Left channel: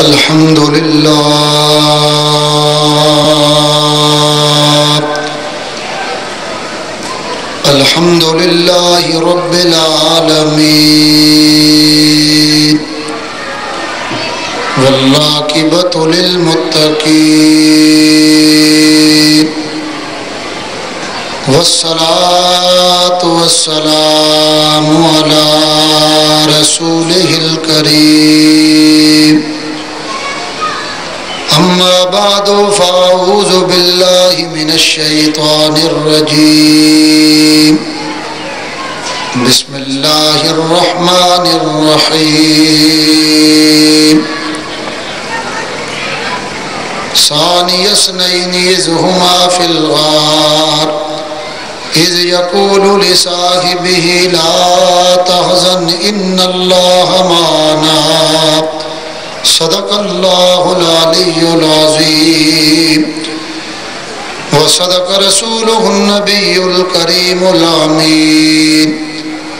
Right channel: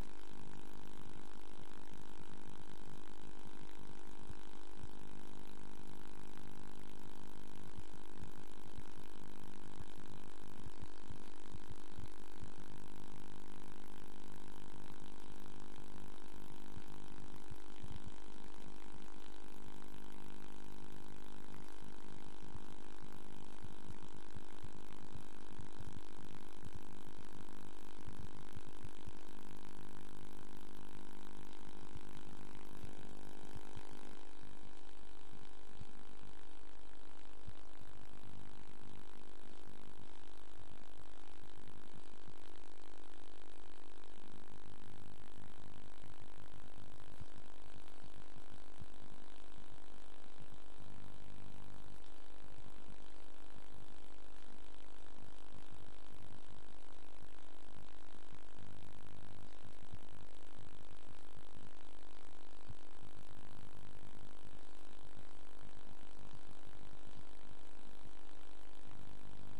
الحمد للہ الحمد للہ رب العالمین والعاقبۃ للمتقین والصلاة والسلام علی رسولہ الکریم اما بعد فاعوذ باللہ من الشیطان الرجیم بسم اللہ الرحمن الرحیم ثانی اثنین اذ ہما فی الغار اذ یقول لصاحبہ لا تحزن ان اللہ معنا صدق اللہ العلی العظیم وصدق رسولہ النبی الکریم الامین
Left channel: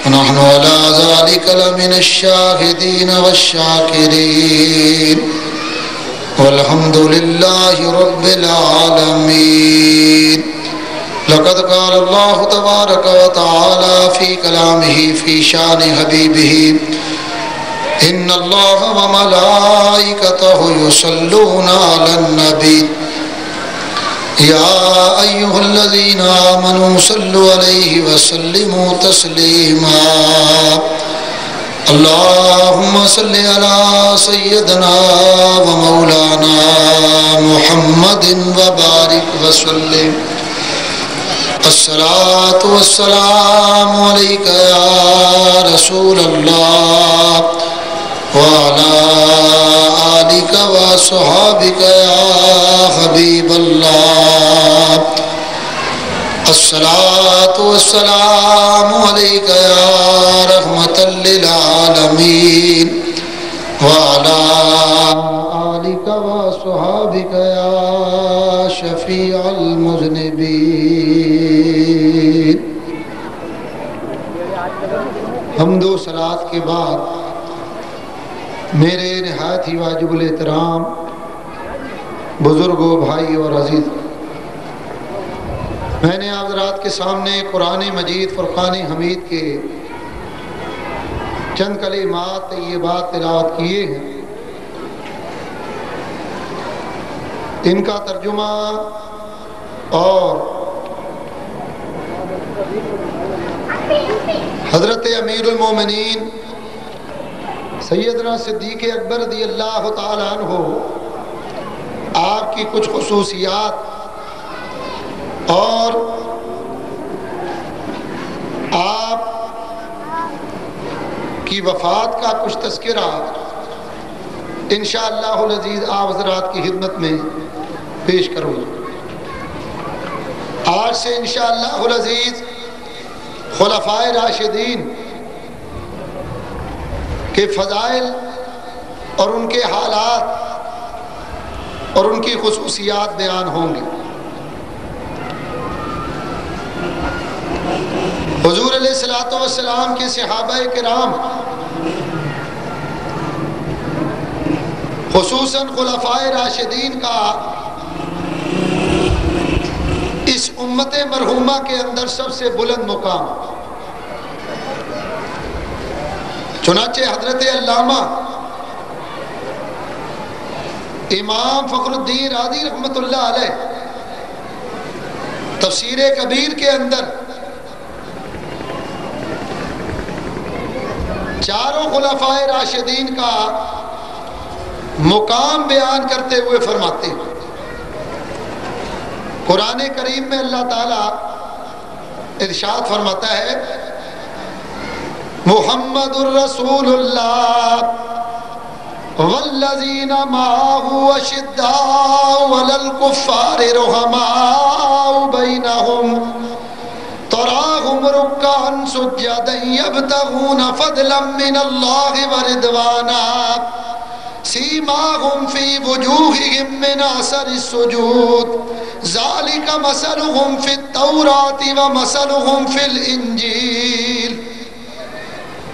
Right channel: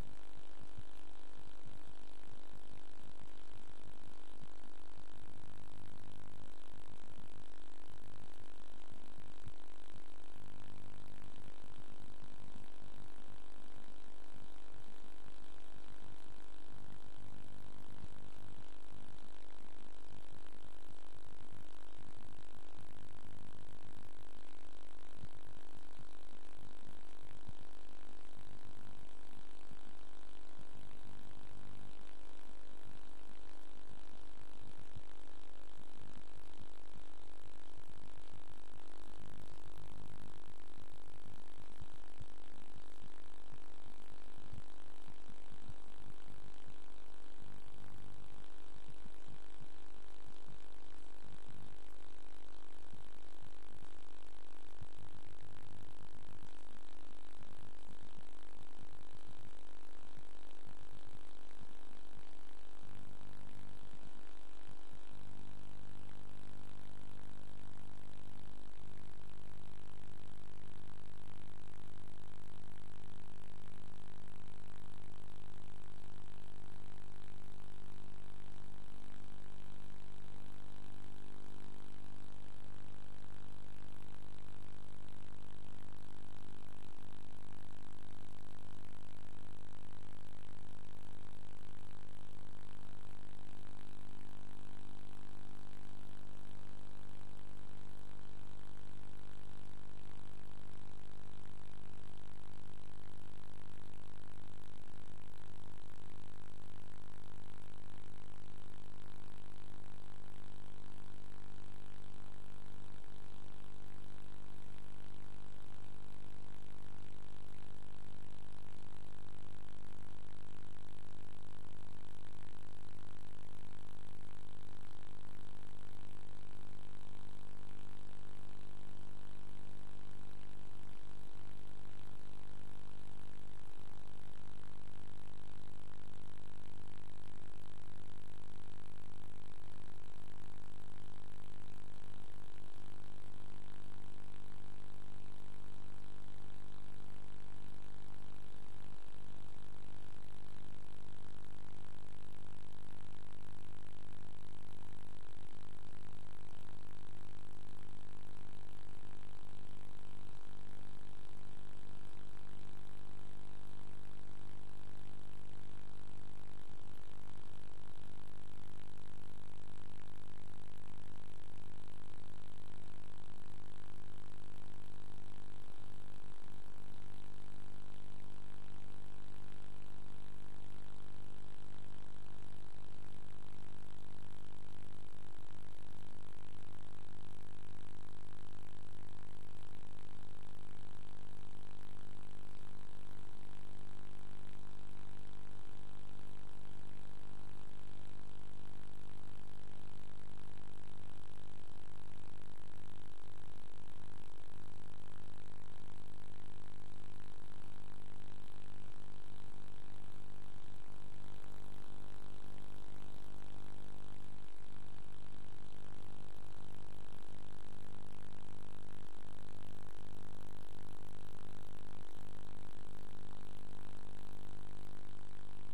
ونحن علی ذلک لمن الشاہدین والشاکرین والحمد للہ رب العالمین لقد قال اللہ تبارک وتعالی فی کلامہ فی شان حبیبہ ان اللہ وملائکتہ یصلون علی النبی یا ایہا الذین آمنوا صلوا علیہ وسلموا تسلیما اللہم صلی علی سیدنا ومولانا محمد وبارک وسلم الصلاة والسلام علیک یا رسول اللہ وعلى آلك وصحابك يا حبيب الله الصلاة والسلام عليك يا رحمة للعالمين وعلى آلك وصحابك يا شفيع المذنبين حمد و صلاة کے بعد میرے نہایت ہی واجب الاحترام بزرگوں، بھائی اور عزیز، میں نے آپ حضرات کے سامنے قرآن مجید فرقان حمید کے چند کلمات طیبات تلاوت کیے ہیں۔ ان کا ترجمہ اور حضرت امیر المومنین سیدنا صدیق اکبر رضی اللہ تعالیٰ عنہ آپ کی کچھ خصوصیات اور آپ کی وفات کا کچھ تذکرہ انشاءاللہ العزیز آپ حضرات کی خدمت میں پیش کروں گا۔ آج سے انشاءاللہ العزیز خلفائے راشدین کے فضائل اور ان کے حالات اور ان کی خصوصیات بیان ہوں گے۔ حضور علیہ السلام کے صحابہ کرام خصوصاً خلفائے راشدین کا اس امت مرحومہ کے اندر سب سے بلند مقام، چنانچہ حضرت علامہ امام فخر الدین رازی رحمۃ اللہ علیہ تفسیر کبیر کے اندر چاروں خلفائے راشدین کا مقام بیان کرتے ہوئے فرماتے ہیں۔ قرآن کریم میں اللہ تعالیٰ ارشاد فرماتا ہے محمد الرسول اللہ والذین معه اشداء علی الکفار رحماء بینہم تراہم رکعا سجدا یبتغون فضلا من اللہ ورضوانا سیماہم فی وجوہہم من اثر السجود ذالک مثلہم فی التوراۃ ومثلہم فی الانجیل۔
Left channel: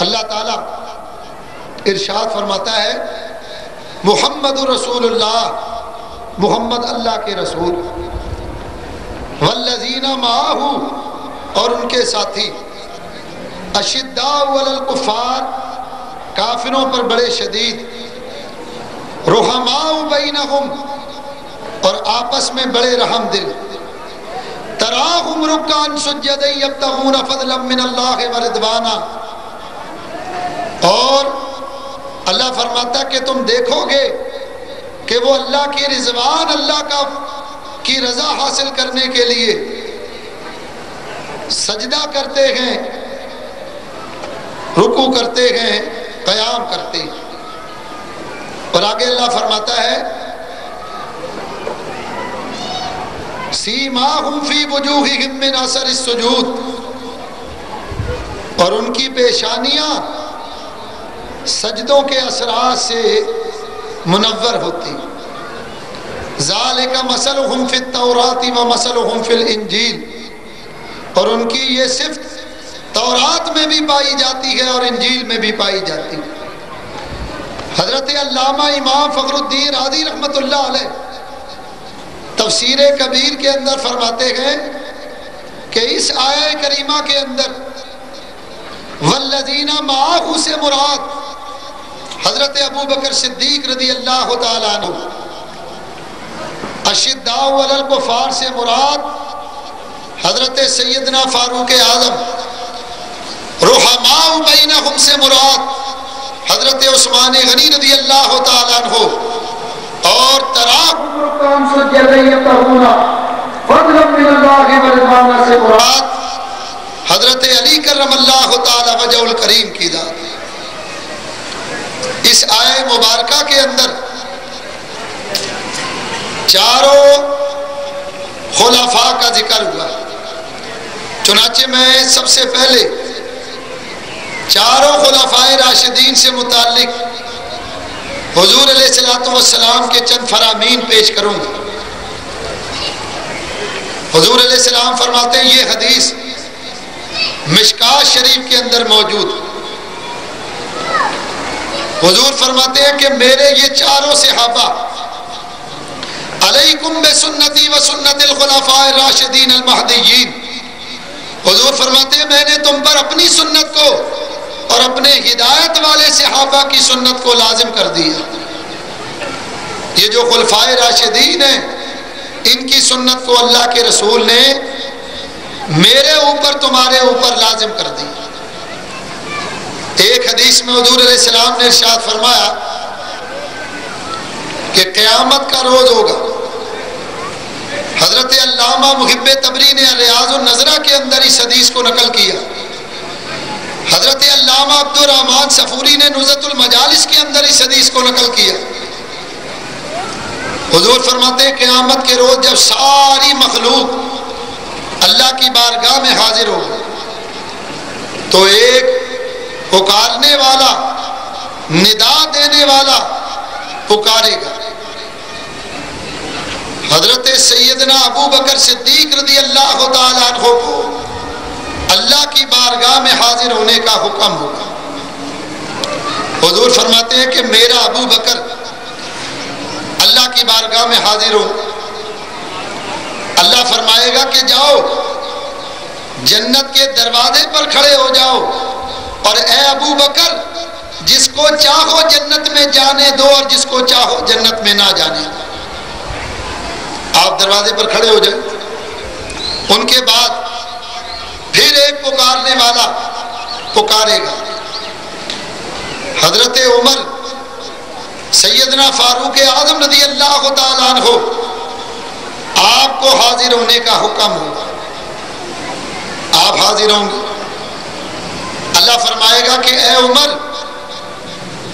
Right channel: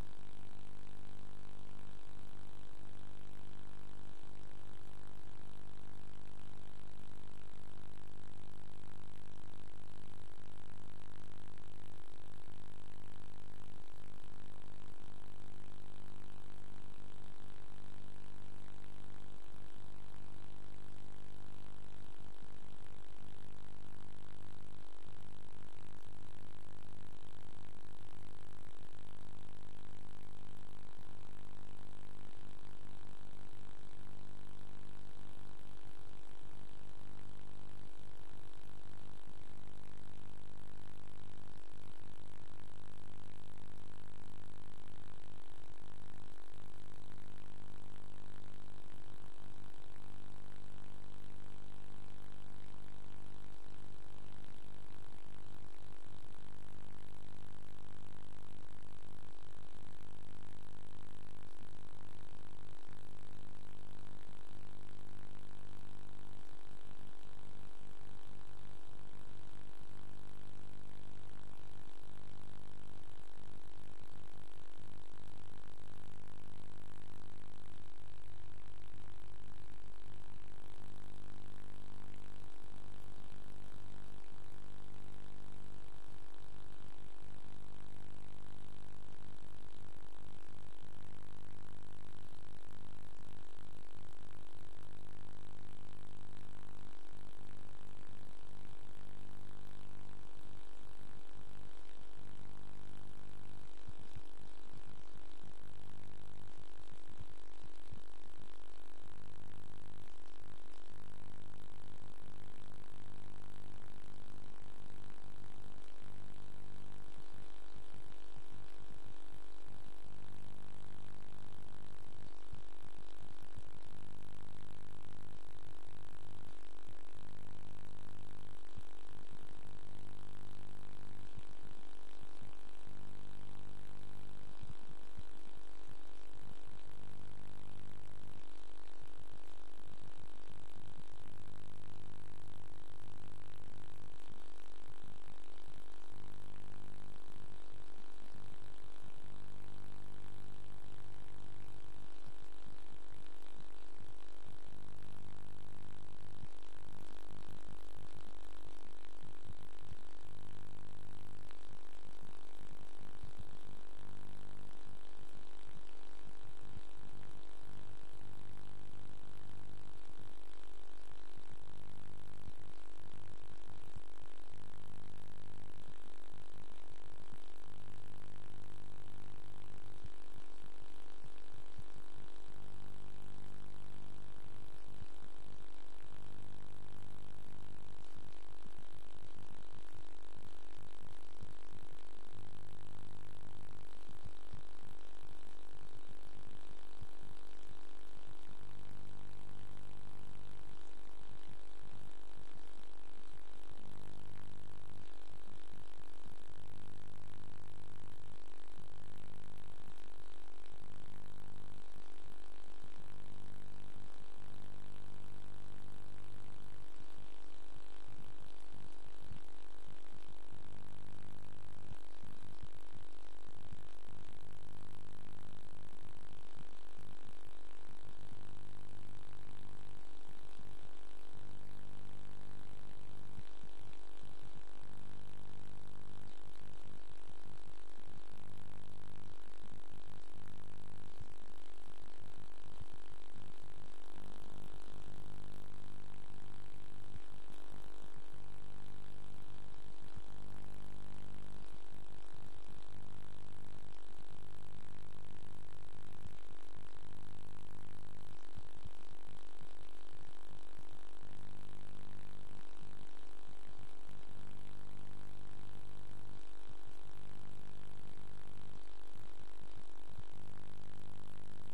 اللہ تعالیٰ ارشاد فرماتا ہے محمد رسول اللہ، محمد اللہ کے رسول، والذین معہ اور ان کے ساتھی، اشداء علی الکفار کافروں پر بڑے شدید، رحماء بینہم اور آپس میں بڑے رحم دل، تراہم رکعا سجدا یبتغون فضلا من اللہ ورضوانا، اور اللہ فرماتا کہ تم دیکھو گے کہ وہ اللہ کی رضوان، اللہ کی رضا حاصل کرنے کے لیے سجدہ کرتے ہیں، رکوع کرتے ہیں، قیام کرتے ہیں۔ اور آگے اللہ فرماتا ہے سیماہم فی وجوہہم من اثر السجود، اور ان کی پیشانیاں سجدوں کے اثرات سے منور ہوتی۔ ذالک مثلہم فی التوراۃ ومثلہم فی الانجیل، اور ان کی یہ صفت تورات میں بھی پائی جاتی ہے اور انجیل میں بھی پائی جاتی ہے۔ حضرت علامہ امام فخر الدین رازی رحمۃ اللہ علیہ تفسیر کبیر کے اندر فرماتے ہیں کہ اس آیہ کریمہ کے اندر والذین معہ سے مراد حضرت ابو بکر صدیق رضی اللہ تعالیٰ عنہ، اشداء علی الکفار سے مراد حضرت سیدنا فاروق اعظم، رحماء بینہم سے مراد حضرت عثمان غنی رضی اللہ تعالیٰ عنہ، اور تراہم رکعا سجدا یبتغون فضلا من اللہ ورضوانا سے مراد حضرت علی کرم اللہ تعالیٰ وجہ الکریم کی ذات۔ اس آیہ مبارکہ کے اندر چاروں خلفاء کا ذکر ہوا، چنانچہ میں سب سے پہلے چاروں خلفاء راشدین سے متعلق حضور علیہ السلام کے چند فرامین پیش کروں گا۔ حضور علیہ السلام فرماتے ہیں، یہ حدیث مشکات شریف کے اندر موجود، حضور فرماتے ہیں کہ میرے یہ چاروں صحابہ علیکم بسنتی و سنت الخلفاء الراشدین المہدیین، حضور فرماتے ہیں میں نے تم پر اپنی سنت کو اور اپنے ہدایت والے صحابہ کی سنت کو لازم کر دیا۔ یہ جو خلفائے راشدین ہیں ان کی سنت کو اللہ کے رسول نے میرے اوپر تمہارے اوپر لازم کر دی۔ ایک حدیث میں حضور علیہ السلام نے ارشاد فرمایا کہ قیامت کا روز ہوگا، حضرت علامہ محب تبری نے ریاض النظرہ کے اندر اس حدیث کو نقل کیا، حضرت علامہ عبد الرحمن صفوری نے نزہۃ المجالس کے اندر اس حدیث کو نقل کیا۔ حضور فرماتے ہیں قیامت کے روز جب ساری مخلوق اللہ کی بارگاہ میں حاضر ہو تو ایک پکارنے والا، ندا دینے والا پکارے گا، حضرت سیدنا ابو بکر صدیق رضی اللہ تعالیٰ عنہ کو اللہ کی بارگاہ میں حاضر ہونے کا حکم ہوگا۔ حضور فرماتے ہیں کہ میرا ابو بکر اللہ کی بارگاہ میں حاضر ہو، اللہ فرمائے گا کہ جاؤ جنت کے دروازے پر کھڑے ہو جاؤ، اور اے ابو بکر جس کو چاہو جنت میں جانے دو اور جس کو چاہو جنت میں نہ جانے دو۔ آپ دروازے پر کھڑے ہو جائیں، ان کے بعد پھر ایک پکارنے والا پکارے گا، حضرت عمر سیدنا فاروق اعظم رضی اللہ تعالیٰ عنہ آپ کو حاضر ہونے کا حکم ہوگا، آپ حاضر ہوں گے، اللہ فرمائے گا کہ اے عمر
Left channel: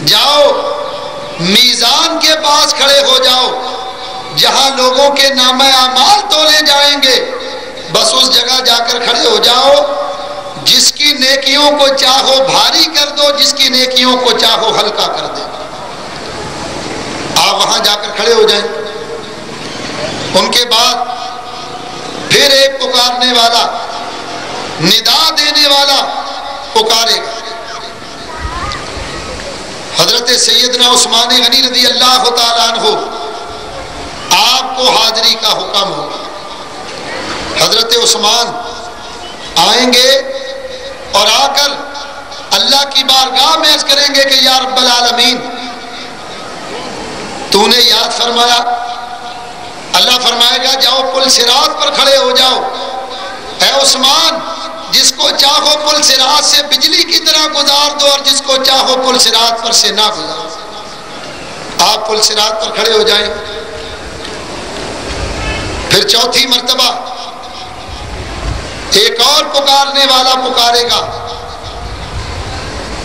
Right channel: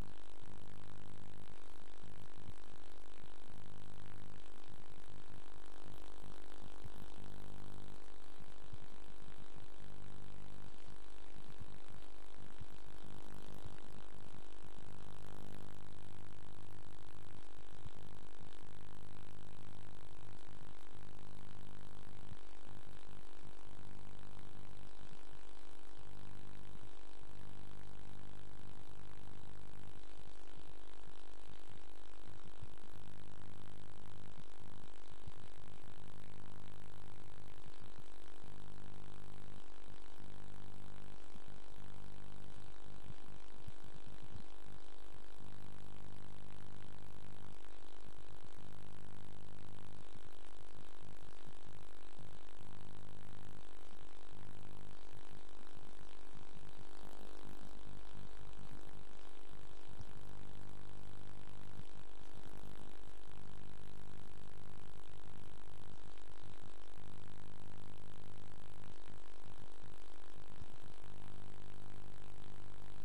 جاؤ میزان کے پاس کھڑے ہو جاؤ جہاں لوگوں کے نامہ اعمال تولے جائیں گے، بس اس جگہ جا کر کھڑے ہو جاؤ، جس کی نیکیوں کو چاہو بھاری کر دو، جس کی نیکیوں کو چاہو ہلکا کر دے۔ آپ وہاں جا کر کھڑے ہو جائیں، ان کے بعد پھر ایک پکارنے والا، ندا دینے والا پکارے گا، حضرت سیدنا عثمان غنی رضی اللہ تعالیٰ عنہ آپ کو حاضری کا حکم ہوگا. حضرت عثمان آئیں گے اور آ کر اللہ کی بارگاہ میں عرض کریں گے کہ یا رب العالمین تو نے یاد فرمایا. اللہ فرمائے گا جاؤ پل صراط پر کھڑے ہو جاؤ. اے عثمان جس کو چاہو پل صراط سے بجلی کی طرح گزار دو اور جس کو چاہو پل صراط پر سے نہ گزار. آپ پل صراط پر کھڑے ہو جائیں. پھر چوتھی مرتبہ ایک اور پکارنے والا پکارے گا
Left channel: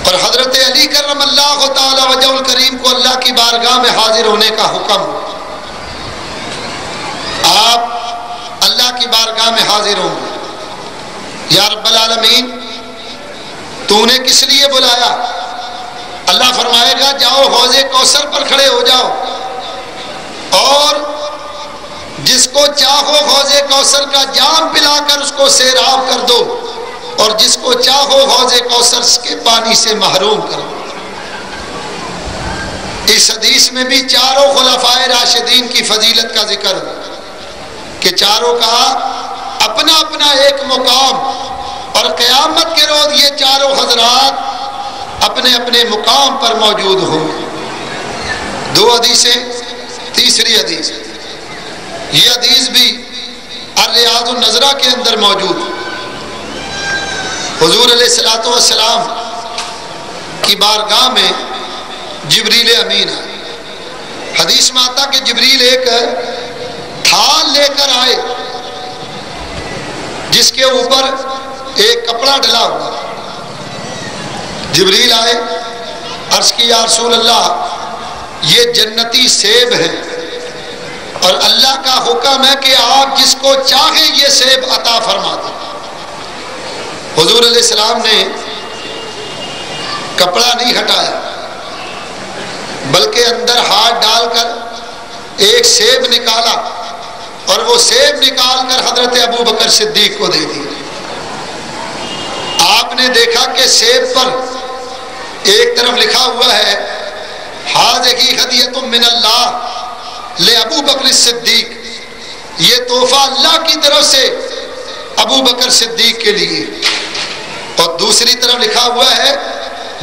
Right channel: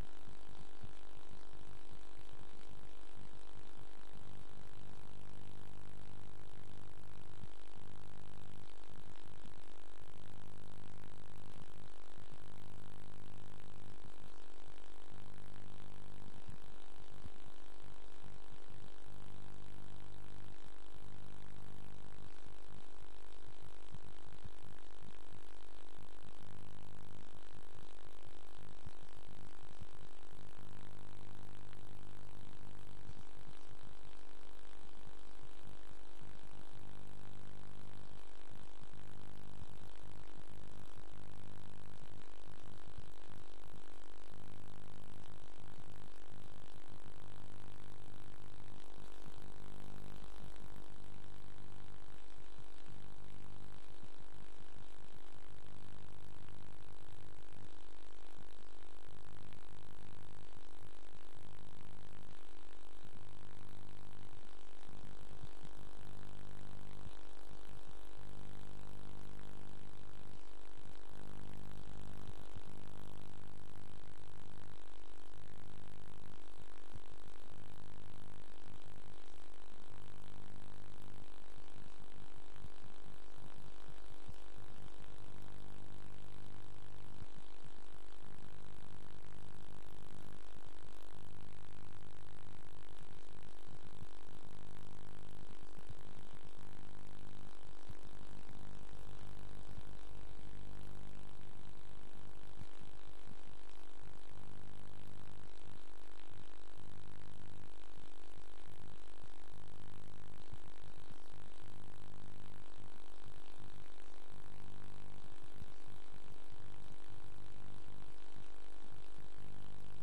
اور حضرت علی کرم اللہ تعالی وجہ الکریم کو اللہ کی بارگاہ میں حاضر ہونے کا حکم. آپ اللہ کی بارگاہ میں حاضر ہوں گے. یا رب العالمین تو نے کس لیے بلایا؟ اللہ فرمائے گا جاؤ حوض کوثر پر کھڑے ہو جاؤ اور جس کو چاہو حوض کوثر کا جام پلا کر اس کو سیراب کر دو اور جس کو چاہو حوض کوثر کے پانی سے محروم کر دو. اس حدیث میں بھی چاروں خلفائے راشدین کی فضیلت کا ذکر ہے کہ چاروں کا اپنا اپنا ایک مقام اور قیامت کے روز یہ چاروں حضرات اپنے اپنے مقام پر موجود ہوں. دو حدیثیں. تیسری حدیث یہ حدیث بھی الریاض النظرہ کے اندر موجود. حضور علیہ الصلوۃ والسلام کی بارگاہ میں جبریل امین آئے. حدیث میں آتا کہ جبریل ایک تھال لے کر آئے جس کے اوپر ایک کپڑا ڈلا ہوا. جبریل آئے عرض کی یا رسول اللہ یہ جنتی سیب ہے اور اللہ کا حکم ہے کہ آپ جس کو چاہیں یہ سیب عطا فرما دیں. حضور علیہ السلام نے کپڑا نہیں ہٹایا بلکہ اندر ہاتھ ڈال کر ایک سیب نکالا اور وہ سیب نکال کر حضرت ابو بکر صدیق کو دے دی. آپ نے دیکھا کہ سیب پر ایک طرف لکھا ہوا ہے ھذہ ھدیۃ من اللہ لابو بکر صدیق، یہ تحفہ اللہ کی طرف سے ابو بکر صدیق کے لیے. اور دوسری طرف لکھا ہوا ہے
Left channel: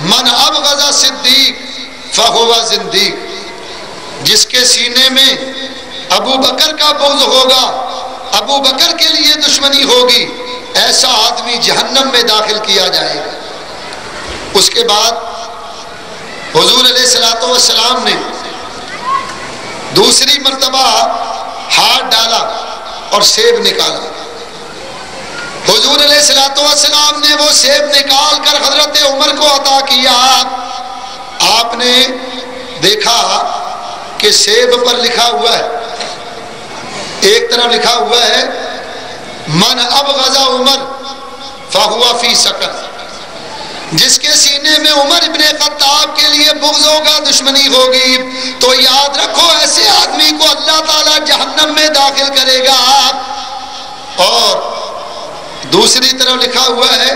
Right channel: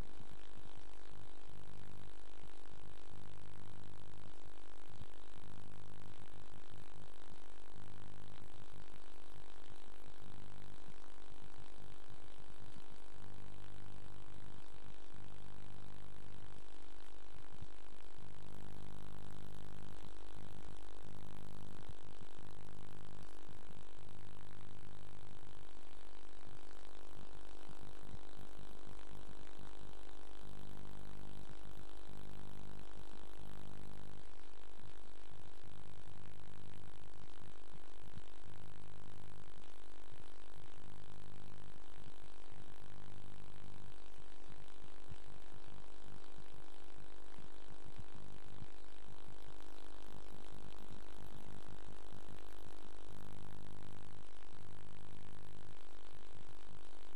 من ابغض صدیق فہو زندیق، جس کے سینے میں ابو بکر کا بغض ہوگا، ابو بکر کے لیے دشمنی ہوگی، ایسا آدمی جہنم میں داخل کیا جائے گا. اس کے بعد حضور علیہ الصلوۃ والسلام نے دوسری مرتبہ ہاتھ ڈالا اور سیب نکالا. حضور علیہ الصلوۃ والسلام نے وہ سیب نکال کر حضرت عمر کو عطا کیا. آپ نے دیکھا کہ سیب پر لکھا ہوا ہے، ایک طرف لکھا ہوا ہے من ابغض عمر فہو فی سقر، جس کے سینے میں عمر ابن خطاب کے لیے بغض ہوگا، دشمنی ہوگی، تو یاد رکھو ایسے آدمی کو اللہ تعالیٰ جہنم میں داخل کرے گا. اور دوسری طرف لکھا ہوا ہے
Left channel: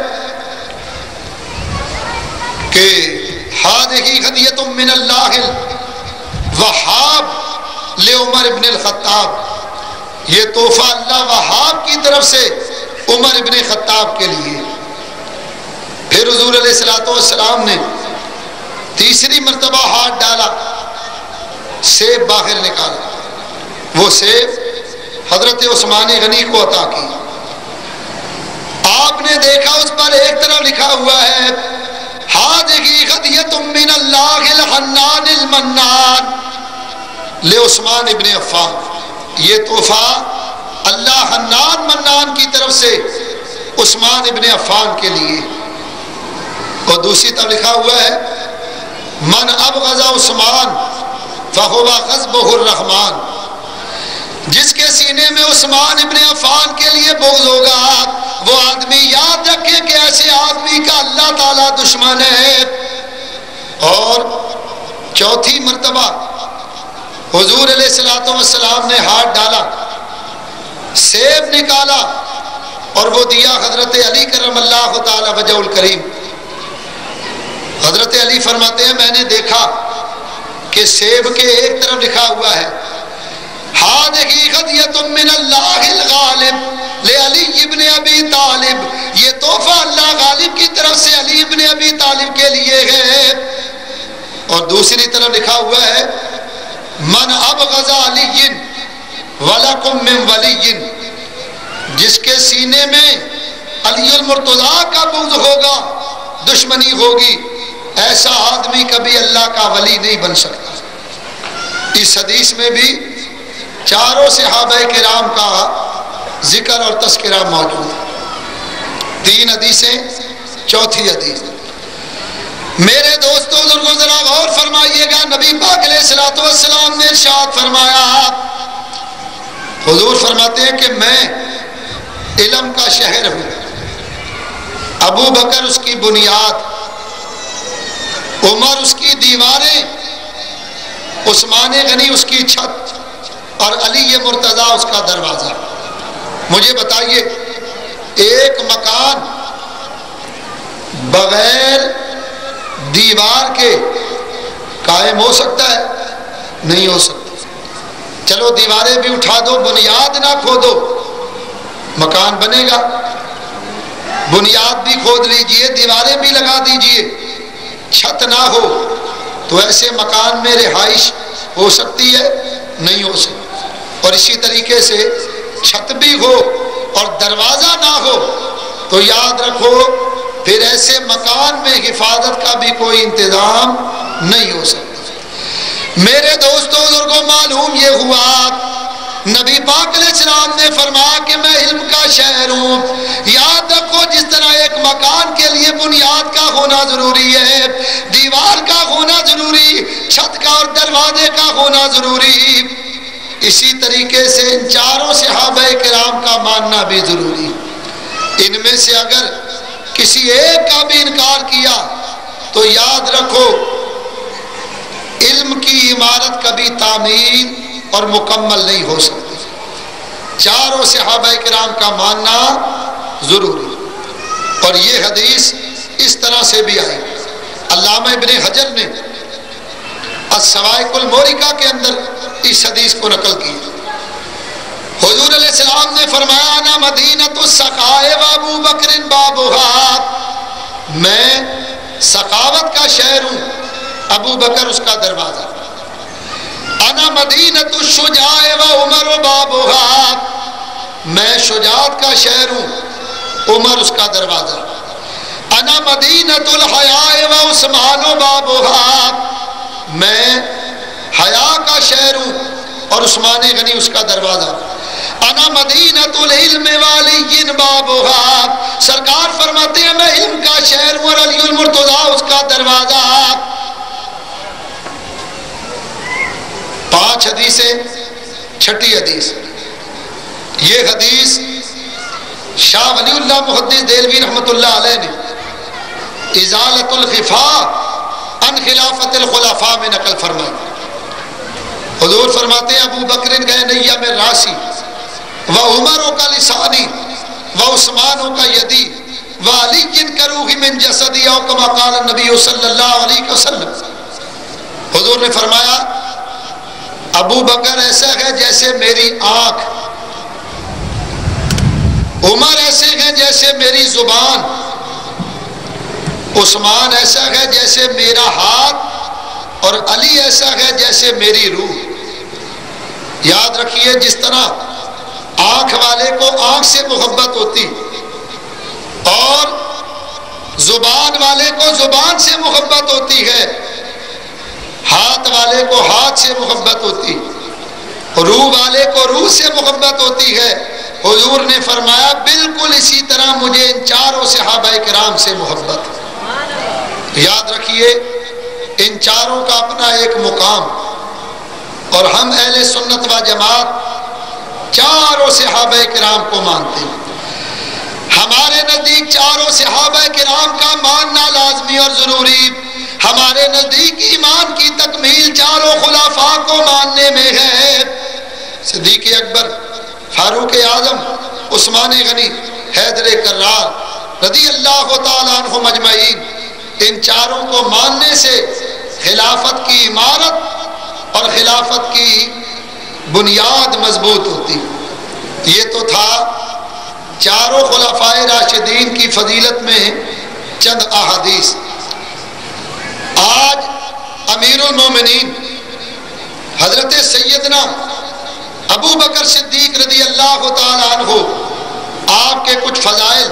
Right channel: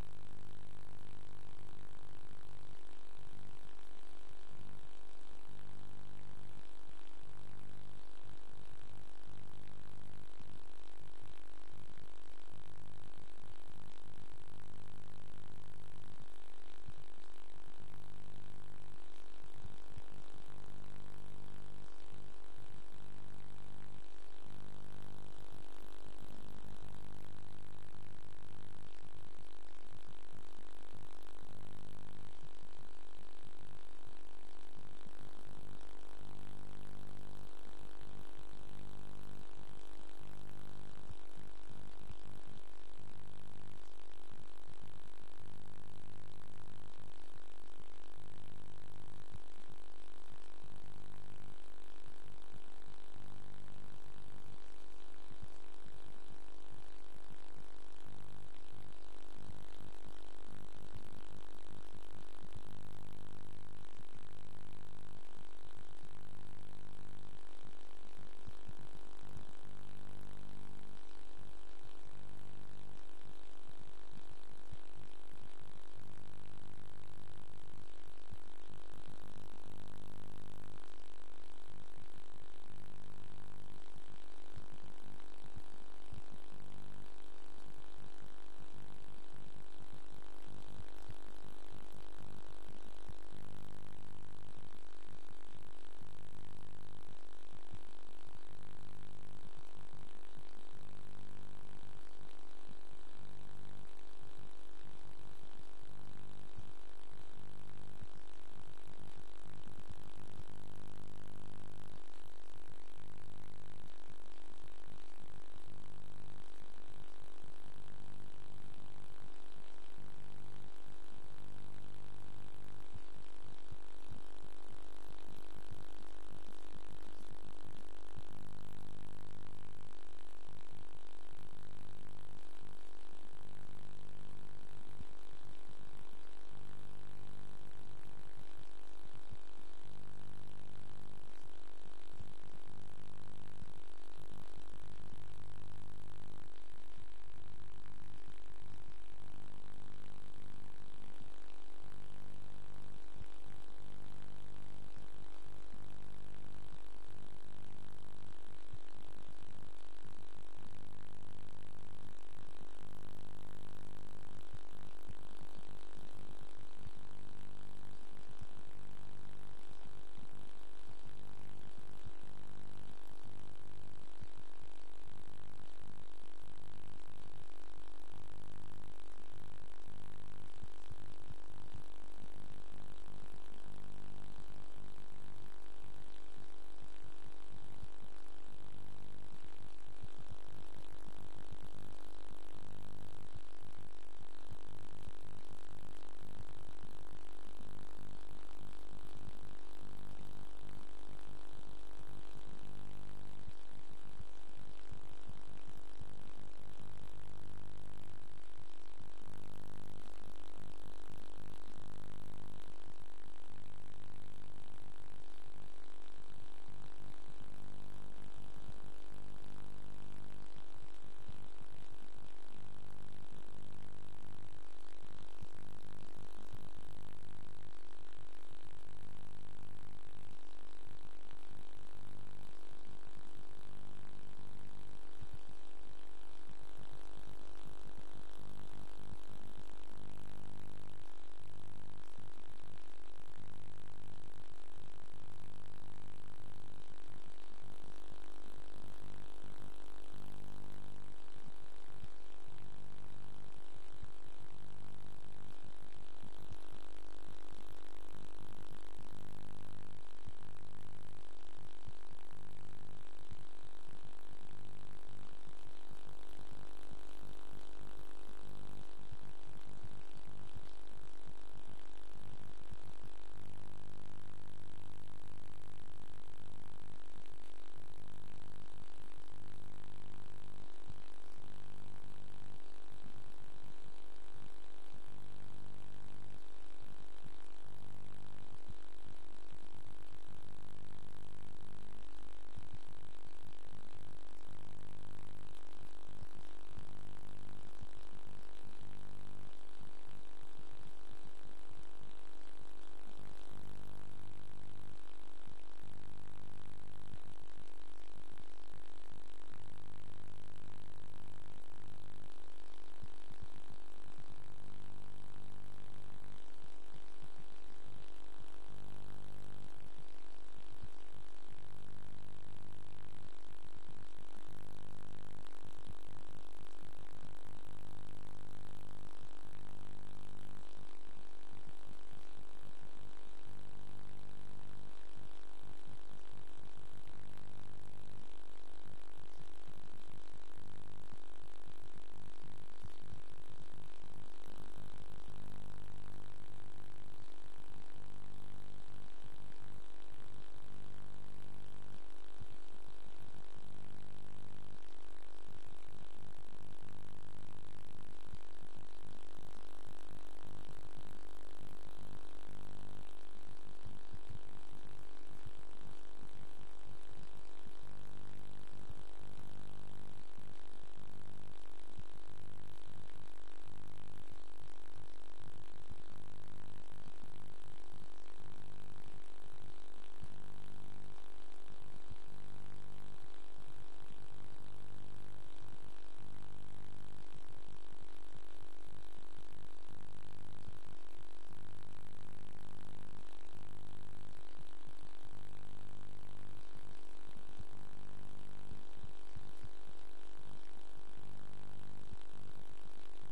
کہ ھذہ ھدیۃ من اللہ وہاب لعمر ابن الخطاب، یہ تحفہ اللہ وہاب کی طرف سے عمر ابن خطاب کے لیے. پھر حضور علیہ الصلوۃ والسلام نے تیسری مرتبہ ہاتھ ڈالا، سیب باہر نکالا، وہ سیب حضرت عثمان غنی کو عطا کی. آپ نے دیکھا اس پر ایک طرف لکھا ہوا ہے ھذہ ھدیۃ من اللہ الحنان المنان لعثمان ابن عفان، یہ تحفہ اللہ حنان منان کی طرف سے عثمان ابن عفان کے لیے. اور دوسری طرف لکھا ہوا ہے من ابغض عثمان فہو غضبہ الرحمن، جس کے سینے میں عثمان ابن عفان کے لیے بغض ہوگا وہ آدمی یاد رکھے کہ ایسے آدمی کا اللہ تعالیٰ دشمن ہے. اور چوتھی مرتبہ حضور علیہ الصلوۃ والسلام نے ہاتھ ڈالا، سیب نکالا اور وہ دیا حضرت علی کرم اللہ تعالی وجہ الکریم. حضرت علی فرماتے ہیں میں نے دیکھا کہ سیب کے ایک طرف لکھا ہوا ہے ہذہ ہدیۃ من اللہ الغالب لعلی ابن ابی طالب، یہ تحفہ اللہ غالب کی طرف سے علی ابن ابی طالب کے لیے ہے، اور دوسری طرف لکھا ہوا ہے من ابغض علی ولکم من ولی، جس کے سینے میں علی المرتضیٰ کا بغض ہوگا، دشمنی ہوگی، ایسا آدمی کبھی اللہ کا ولی نہیں بن سکتا۔ اس حدیث میں بھی چاروں صحابہ کرام کا ذکر اور تذکرہ موجود ہے۔ 3 حدیثیں، چوتھی حدیث، میرے دوستوں بزرگوں ذرا غور فرمائیے گا، نبی پاک علیہ الصلوۃ والسلام نے ارشاد فرمایا، حضور فرماتے ہیں کہ میں علم کا شہر ہوں، ابو بکر اس کی بنیاد، عمر اس کی دیواریں، عثمان غنی اس کی چھت، اور علی مرتضیٰ اس کا دروازہ۔ مجھے بتائیے ایک مکان بغیر دیوار کے قائم ہو سکتا ہے؟ نہیں ہو سکتا۔ چلو دیواریں بھی اٹھا دو، بنیاد نہ کھودو، مکان بنے گا؟ بنیاد بھی کھود لیجئے، دیواریں بھی لگا دیجئے، چھت نہ ہو تو ایسے مکان میں رہائش ہو سکتی ہے؟ نہیں ہو سکتی۔ اور اسی طریقے سے چھت بھی ہو اور دروازہ نہ ہو تو یاد رکھو پھر ایسے مکان میں حفاظت کا بھی کوئی انتظام نہیں ہو سکتا۔ میرے دوستوں بزرگوں، معلوم یہ ہوا نبی پاک علیہ السلام نے فرمایا کہ میں علم کا شہر ہوں۔ یاد رکھو جس طرح ایک مکان کے لیے بنیاد کا ہونا ضروری ہے، دیوار کا ہونا ضروری، چھت کا اور دروازے کا ہونا ضروری، اسی طریقے سے ان چاروں صحابہ کرام کا ماننا بھی ضروری۔ ان میں سے اگر کسی ایک کا بھی انکار کیا تو یاد رکھو علم کی عمارت کبھی تعمیر اور مکمل نہیں ہو سکتی۔ چاروں صحابہ کرام کا ماننا ضروری۔ اور یہ حدیث اس طرح سے بھی آئی، علامہ ابن حجر نے السوائق المورکہ کے اندر اس حدیث کو نقل کی۔ حضور علیہ السلام نے فرمایا انا مدینۃ السخاء و ابو بکر بابھا، میں سخاوت کا شہر ہوں، ابو بکر اس کا دروازہ۔ انا مدینۃ الشجاع و عمر بابھا، میں شجاعت کا شہر ہوں، عمر اس کا دروازہ۔ انا مدینۃ الحیاء و عثمان بابھا، میں حیا کا شہر ہوں اور عثمان غنی اس کا دروازہ۔ انا مدینۃ العلم وعلی بابھا، سرکار فرماتے ہیں میں علم کا شہر ہوں اور علی المرتضیٰ اس کا دروازہ۔ 5 حدیثیں، چھٹی حدیث، یہ حدیث شاہ ولی اللہ محدث دہلوی رحمۃ اللہ علیہ نے ازالۃ الخفاء عن خلافت الخلفاء میں نقل فرمائی۔ حضور فرماتے ہیں ابو بکر گئے نیا میں راسی و عمر کا لسانی و عثمان کا یدی و علی کروہ من جسدی او کما قال النبی صلی اللہ علیہ وسلم۔ حضور نے فرمایا ابو بکر ایسا ہے جیسے میری آنکھ، عمر ایسے ہیں جیسے میری زبان، عثمان ایسا ہے جیسے میرا ہاتھ، اور علی ایسا ہے جیسے میری روح۔ یاد رکھیے جس طرح آنکھ والے کو آنکھ سے محبت ہوتی اور زبان والے کو زبان سے محبت ہوتی ہے، ہاتھ والے کو ہاتھ سے محبت ہوتی، روح والے کو روح سے محبت ہوتی ہے، حضور نے فرمایا بالکل اسی طرح مجھے ان چاروں صحابہ کرام سے محبت ہے۔ یاد رکھیے ان چاروں کا اپنا ایک مقام، اور ہم اہل سنت و جماعت چاروں صحابہ کرام کو مانتے ہیں۔ ہمارے نزدیک چاروں صحابہ کرام کا ماننا لازمی اور ضروری، ہمارے نزدیک ایمان کی تکمیل چاروں خلفاء کو ماننے میں ہے۔ صدیق اکبر، فاروق اعظم، عثمان غنی، حیدر کرار رضی اللہ تعالیٰ عنہ مجمعین، ان چاروں کو ماننے سے خلافت کی عمارت اور خلافت کی بنیاد مضبوط ہوتی. یہ تو تھا چاروں خلفائے راشدین کی فضیلت میں چند احادیث. آج امیر المومنین حضرت سیدنا ابو بکر صدیق رضی اللہ تعالیٰ عنہ، آپ کے کچھ فضائل،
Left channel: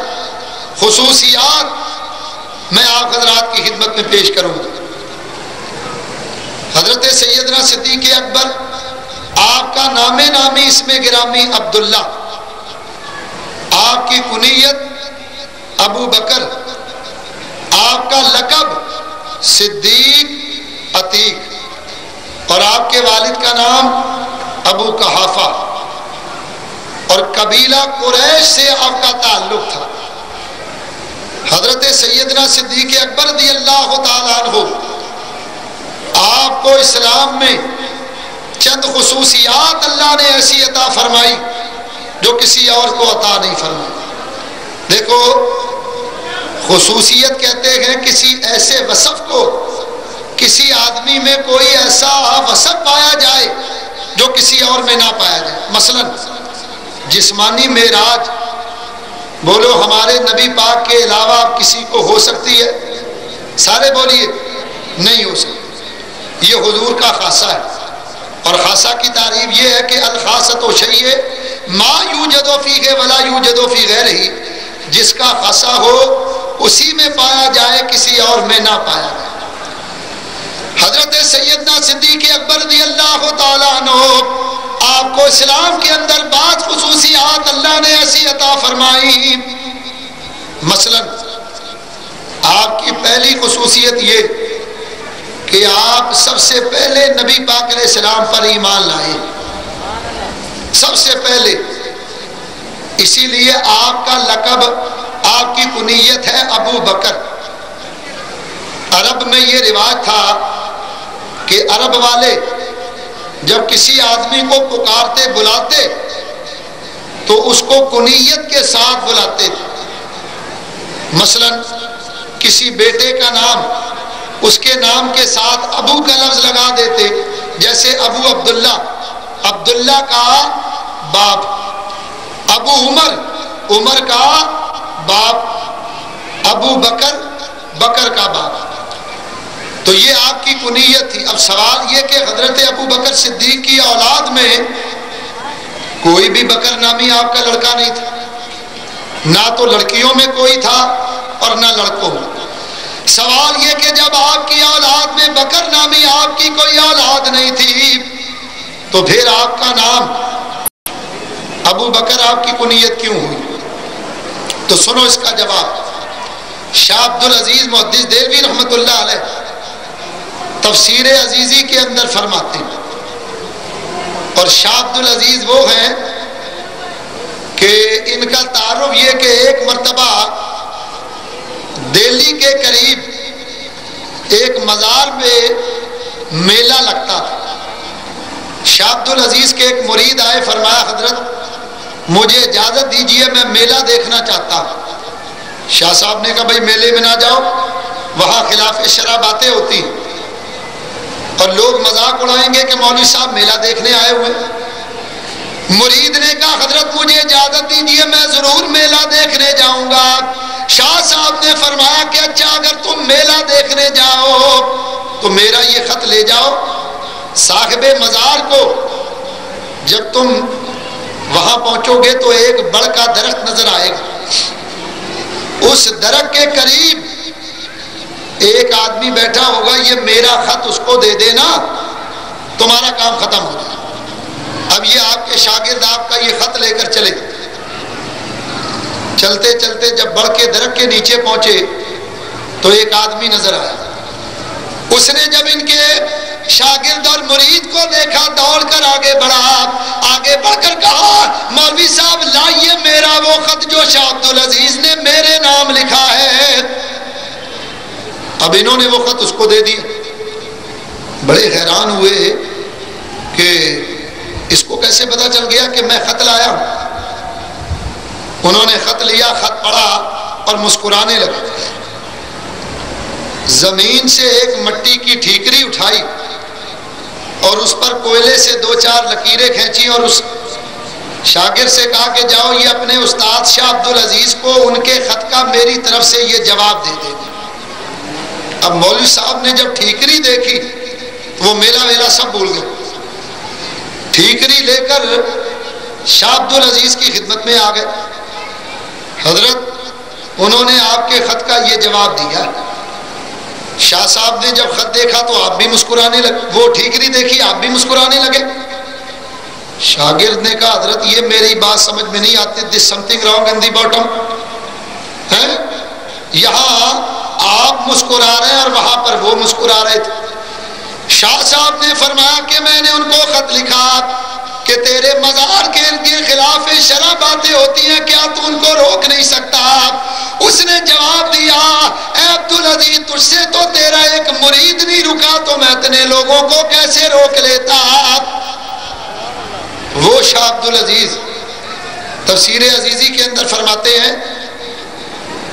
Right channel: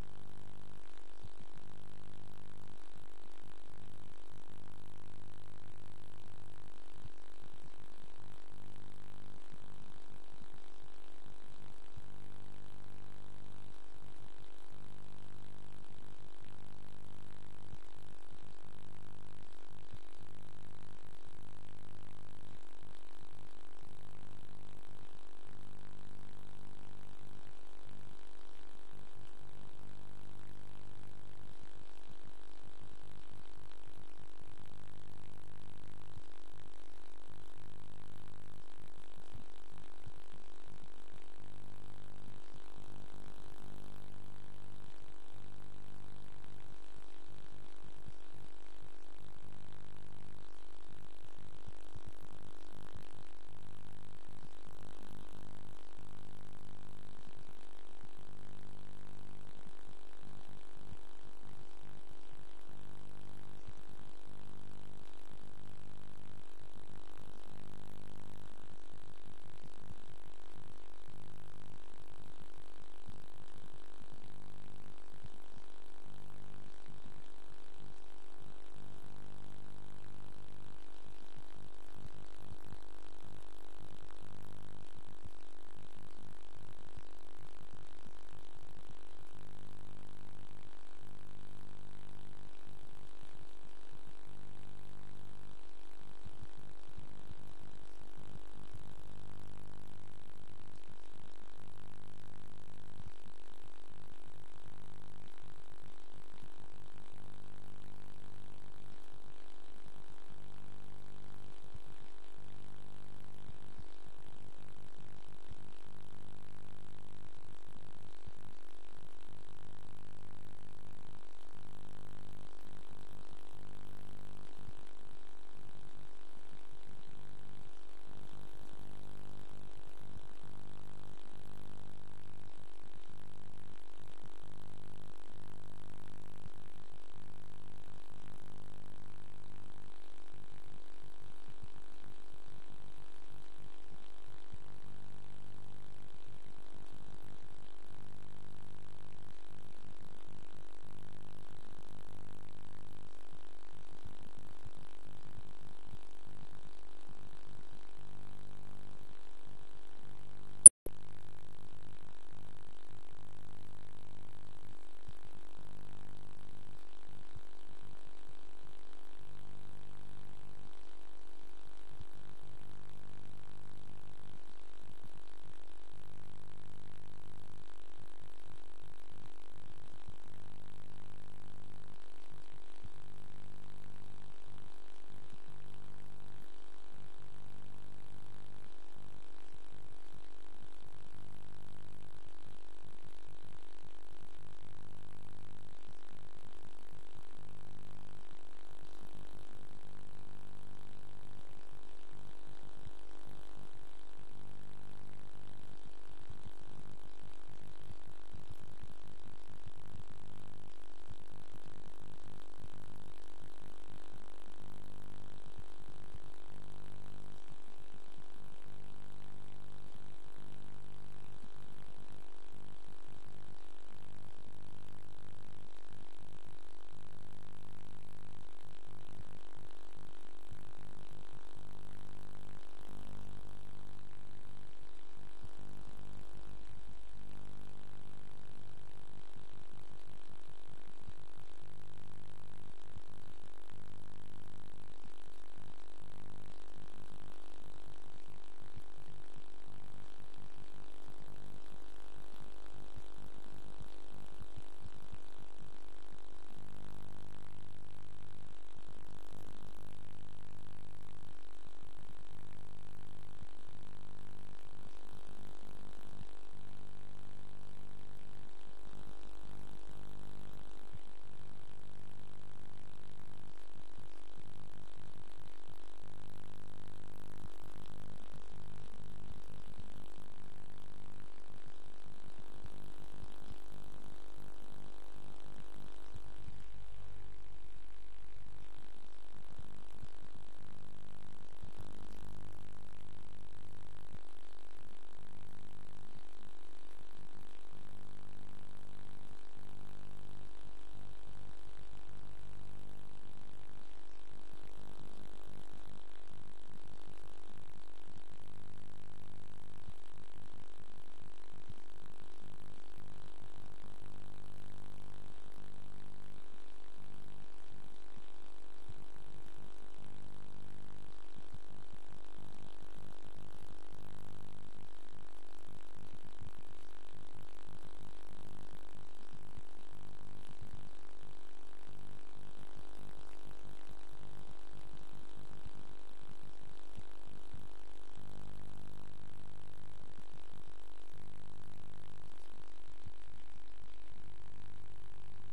خصوصیات میں آپ حضرات کی خدمت میں پیش کروں گا. حضرت سیدنا صدیق اکبر، آپ کا نام نامی اسم گرامی عبداللہ، آپ کی کنیت ابو بکر، آپ کا لقب صدیق عتیق، اور آپ کے والد کا نام ابو قحافہ، اور قبیلہ قریش سے آپ کا تعلق تھا. حضرت سیدنا صدیق اکبر رضی اللہ تعالیٰ عنہ، آپ کو اسلام میں چند خصوصیات اللہ نے ایسی عطا فرمائی جو کسی اور کو عطا نہیں فرمائی. دیکھو، خصوصیت کہتے ہیں کسی ایسے وصف کو، کسی آدمی میں کوئی ایسا وصف پایا جائے جو کسی اور میں نہ پایا جائے. مثلا جسمانی معراج، بولو ہمارے نبی پاک کے علاوہ کسی کو ہو سکتی ہے؟ سارے بولیے نہیں ہو سکتی. یہ حضور کا خاصہ ہے، اور خاصہ کی تعریف یہ ہے کہ الخاصۃ شیء ما یوجد فیہ ولا یوجد فی غیرہ، جس کا خاصہ ہو اسی میں پایا جائے، کسی اور میں نہ پایا جائے. حضرت سیدنا صدیق اکبر رضی اللہ تعالیٰ عنہ، آپ کو اسلام کے اندر بعض خصوصیات اللہ نے ایسی عطا فرمائی. مثلا آپ کی پہلی خصوصیت یہ کہ آپ سب سے پہلے نبی پاک علیہ السلام پر ایمان لائے، سب سے پہلے. اسی لیے آپ کا لقب، آپ کی کنیت ہے ابو بکر. عرب میں یہ رواج تھا کہ عرب والے جب کسی آدمی کو پکارتے بلاتے تو اس کو کنیت کے ساتھ بلاتے تھے. مثلا کسی بیٹے کا نام اس کے نام کے ساتھ ابو کا لفظ لگا دیتے، جیسے ابو عبداللہ، عبداللہ کا باپ، ابو عمر، عمر کا باپ، ابو بکر، بکر کا باپ. تو یہ آپ کی کنیت تھی. اب سوال یہ کہ حضرت ابو بکر صدیق کی اولاد میں کوئی بھی بکر نامی آپ کا لڑکا نہیں تھا، نہ تو لڑکیوں میں کوئی تھا اور نہ لڑکوں میں. سوال یہ کہ جب آپ کی اولاد میں بکر نامی آپ کی کوئی اولاد نہیں تھی تو پھر آپ کا نام ابو بکر آپ کی کنیت کیوں ہوئی؟ تو سنو اس کا جواب. شاہ عبدالعزیز محدث دہلوی رحمۃ اللہ علیہ تفسیر عزیزی کے اندر فرماتے ہیں، اور شاہ عبدالعزیز وہ ہیں کہ ان کا تعارف یہ کہ ایک مرتبہ دہلی کے قریب ایک مزار پہ میلہ لگتا تھا. شاہ عبدالعزیز کے ایک مرید آئے، فرمایا حضرت مجھے اجازت دیجئے، میں میلہ دیکھنا چاہتا ہوں. شاہ صاحب نے کہا بھائی میلے میں نہ جاؤ، وہاں خلاف شرع باتیں ہوتی ہیں اور لوگ مذاق اڑائیں گے کہ مولوی صاحب میلہ دیکھنے آئے ہوئے. مرید نے کہا حضرت مجھے اجازت دیجئے، میں ضرور میلہ دیکھنے جاؤں گا. شاہ صاحب نے فرمایا کہ اچھا اگر تم میلہ دیکھنے جاؤ تو میرا یہ خط لے جاؤ، صاحب مزار کو جب تم وہاں پہنچو گے تو ایک بڑ کا درخت نظر آئے گا، اس درخت کے قریب ایک آدمی بیٹھا ہوگا، یہ میرا خط اس کو دے دینا، تمہارا کام ختم ہو جائے. اب یہ آپ کے شاگرد آپ کا یہ خط لے کر چلے. چلتے چلتے جب بڑھ کے درخت کے نیچے پہنچے تو ایک آدمی نظر آیا. اس نے جب ان کے شاگرد اور مرید کو دیکھا دوڑ کر آگے بڑھا، آگے بڑھ کر کہا مولوی صاحب لائیے میرا وہ خط جو شاہ عبدالعزیز نے میرے نام لکھا ہے. اب انہوں نے وہ خط اس کو دے دیا. بڑے حیران ہوئے کہ اس کو کیسے پتا چل گیا کہ میں خط لایا ہوں. انہوں نے خط لیا، خط پڑھا اور مسکرانے لگے. زمین سے ایک مٹی کی ٹھیکری اٹھائی اور اس پر کوئلے سے 2-4 لکیریں کھینچی اور اس شاگرد سے کہا کہ جاؤ یہ اپنے استاد شاہ عبدالعزیز کو ان کے خط کا میری طرف سے یہ جواب دے دے۔ اب مولوی صاحب نے جب ٹھیکری دیکھی وہ میلا سب بھول گئے، ٹھیکری لے کر شاہ عبدالعزیز کی خدمت میں آ گئے۔ حضرت انہوں نے آپ کے خط کا یہ جواب دیا۔ شاہ صاحب نے جب خط دیکھا تو آپ بھی مسکرانے لگے، وہ ٹھیکری دیکھی آپ بھی مسکرانے لگے۔ شاگرد نے کہا حضرت یہ میری بات سمجھ میں نہیں آتی، this something wrong in the bottom ہے؟ یہاں آپ مسکرا رہے ہیں اور وہاں پر وہ مسکرا رہے تھے۔ شاہ صاحب نے فرمایا کہ میں نے ان کو خط لکھا کہ تیرے مزار کے خلاف شرع باتیں ہوتی ہیں، کیا تو ان کو روک نہیں سکتا؟ اس نے جواب دیا اے عبدالعزیز تجھ سے تو تیرا ایک مرید نہیں رکا تو میں اتنے لوگوں کو کیسے روک لیتا؟ وہ شاہ عبدالعزیز تفسیر عزیزی کے اندر فرماتے ہیں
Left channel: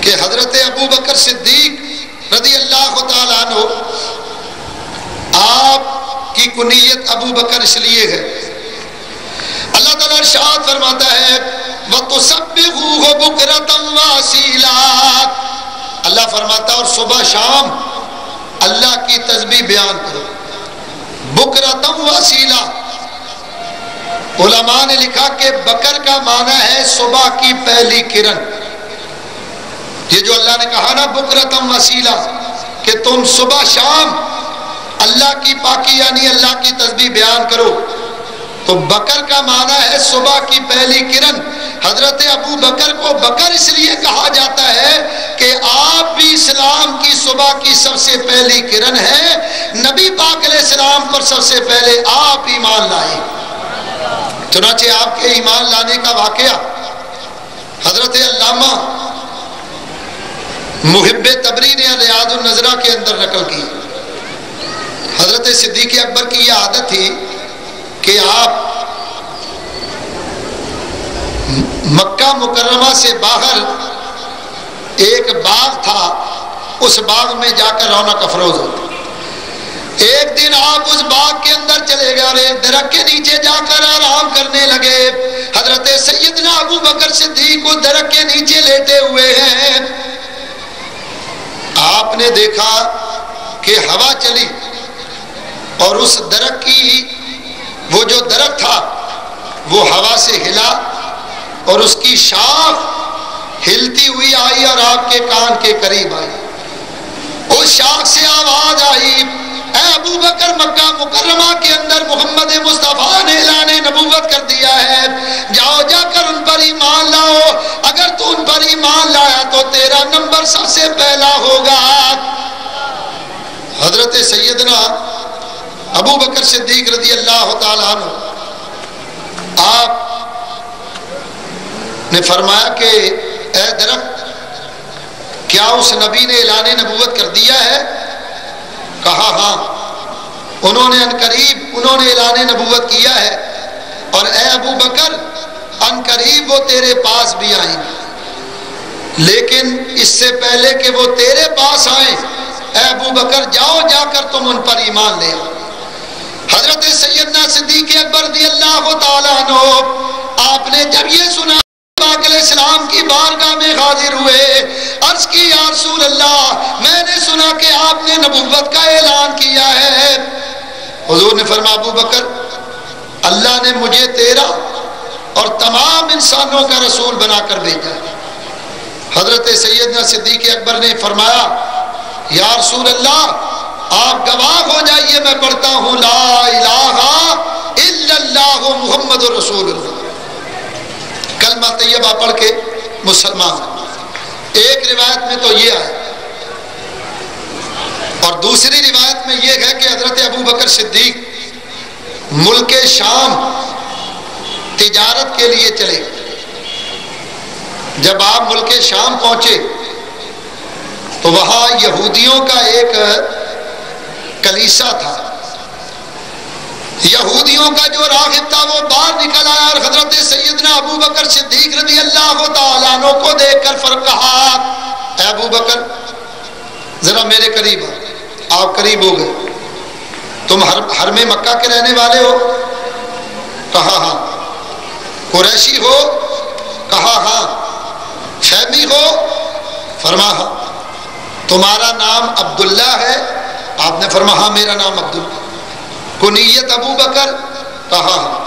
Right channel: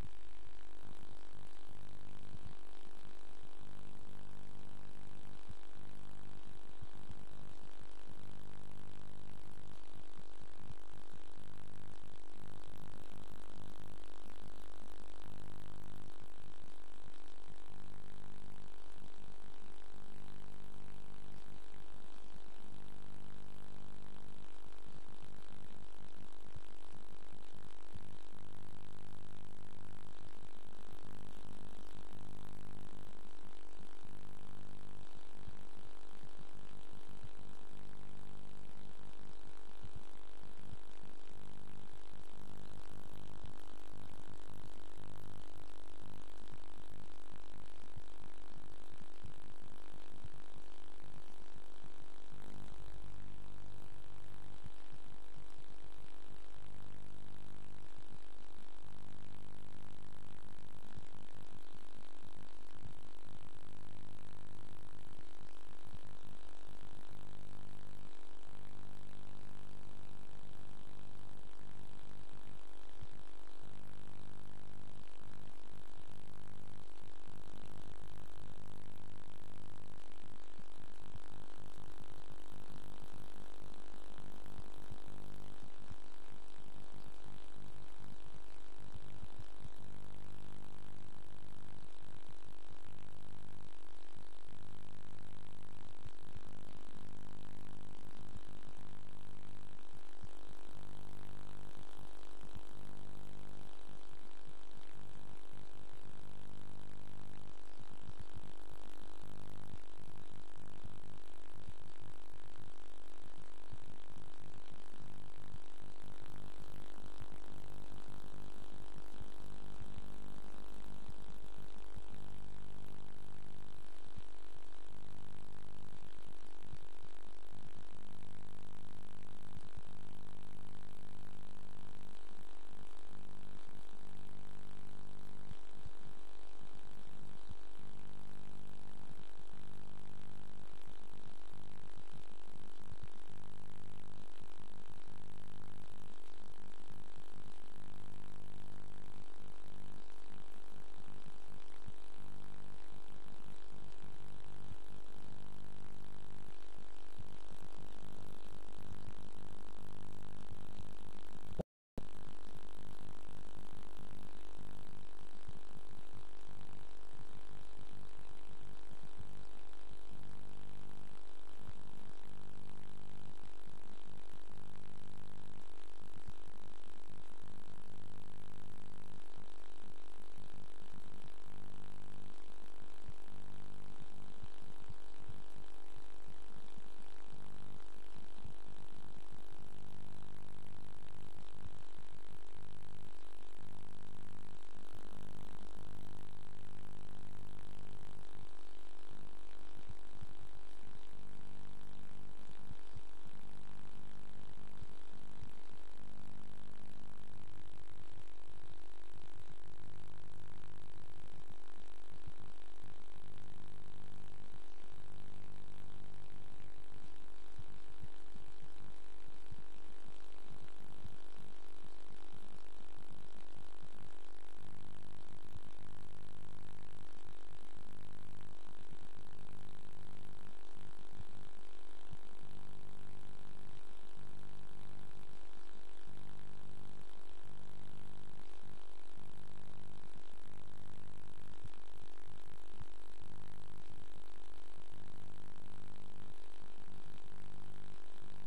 کہ حضرت ابو بکر صدیق رضی اللہ تعالیٰ عنہ، آپ کی کنیت ابو بکر اس لیے ہے، اللہ تعالیٰ ارشاد فرماتا ہے وَتُسَبِّحُوهُ بُكْرَةً وَأَصِيلًا، اللہ فرماتا ہے اور صبح شام اللہ کی تسبیح بیان کرو۔ بُكْرَةً وَأَصِيلًا، علماء نے لکھا کہ بکر کا معنی ہے صبح کی پہلی کرن۔ یہ جو اللہ نے کہا نا بکرتم وسیلہ کہ تم صبح شام اللہ کی پاکی یعنی اللہ کی تسبیح بیان کرو، تو بکر کا معنی ہے صبح کی پہلی کرن۔ حضرت ابو بکر کو بکر اس لیے کہا جاتا ہے کہ آپ بھی اسلام کی صبح کی سب سے پہلی کرن ہے، نبی پاک علیہ السلام پر سب سے پہلے آپ ایمان لائے۔ چنانچہ آپ کے ایمان لانے کا واقعہ حضرت علامہ محب تبری نے ریاض النظرہ کے اندر نقل کی۔ حضرت صدیق اکبر کی یہ عادت تھی کہ آپ مکہ مکرمہ سے باہر ایک باغ تھا، اس باغ میں جا کر رونق افروز ہوتی۔ ایک دن آپ اس باغ کے اندر چلے گئے اور ایک درخت کے نیچے جا کر آرام کرنے لگے۔ حضرت سیدنا ابو بکر صدیق اس درخت کے نیچے لیٹے ہوئے ہیں۔ آپ نے دیکھا کہ ہوا چلی اور اس درخت کی وہ جو درخت تھا وہ ہوا سے ہلا اور اس کی شاخ ہلتی ہوئی آئی اور آپ کے کان کے قریب آئی۔ اس شاخ سے آواز آئی اے ابو بکر مکہ مکرمہ کے اندر محمد مصطفیٰ نے اعلان نبوت کر دیا ہے، جاؤ جا کر ان پر ایمان لاؤ، اگر تو ان پر ایمان لایا تو تیرا نمبر سب سے پہلا ہوگا۔ حضرت سیدنا ابو بکر صدیق رضی اللہ تعالیٰ عنہ آپ نے فرمایا کہ اے درخت کیا اس نبی نے اعلان نبوت کر دیا ہے؟ کہا ہاں، انہوں نے عنقریب انہوں نے اعلان نبوت کیا ہے، اور اے ابو بکر عنقریب وہ تیرے پاس بھی آئیں، لیکن اس سے پہلے کہ وہ تیرے پاس آئیں اے ابو بکر جاؤ جا کر تم ان پر ایمان لے آؤ۔ حضرت سیدنا صدیق اکبر رضی اللہ تعالیٰ عنہ آپ نے جب یہ سنا پاک علیہ السلام کی بارگاہ میں حاضر ہوئے، عرض کی یا رسول اللہ میں نے سنا کہ آپ نے نبوت کا اعلان کیا ہے۔ حضور نے فرمایا ابو بکر اللہ نے مجھے تیرا اور تمام انسانوں کا رسول بنا کر بھیجا۔ حضرت سیدنا صدیق اکبر نے فرمایا یا رسول اللہ آپ گواہ ہو جائیے میں پڑھتا ہوں لا الہ الا اللہ محمد رسول اللہ، کلمہ طیبہ پڑھ کے مسلمان۔ ایک روایت میں تو یہ آیا، اور دوسری روایت میں یہ ہے کہ حضرت ابو بکر صدیق ملک شام تجارت کے لیے چلے۔ جب آپ ملک شام پہنچے تو وہاں یہودیوں کا ایک کلیسا تھا، یہودیوں کا جو راغب تھا وہ باہر نکل آیا اور حضرت سیدنا ابو بکر صدیق رضی اللہ تعالیٰ عنہ کو دیکھ کر کہا اے ابو بکر ذرا میرے قریب آپ قریب ہو گئے. تم حرم مکہ کے رہنے والے ہو؟ کہا ہاں. قریشی ہو؟ کہا ہاں. شیمی ہو؟ فرما ہاں. تمہارا نام عبداللہ ہے؟ آپ نے فرمایا ہاں میرا نام عبداللہ. کنیت ابو بکر؟ کہا ہاں.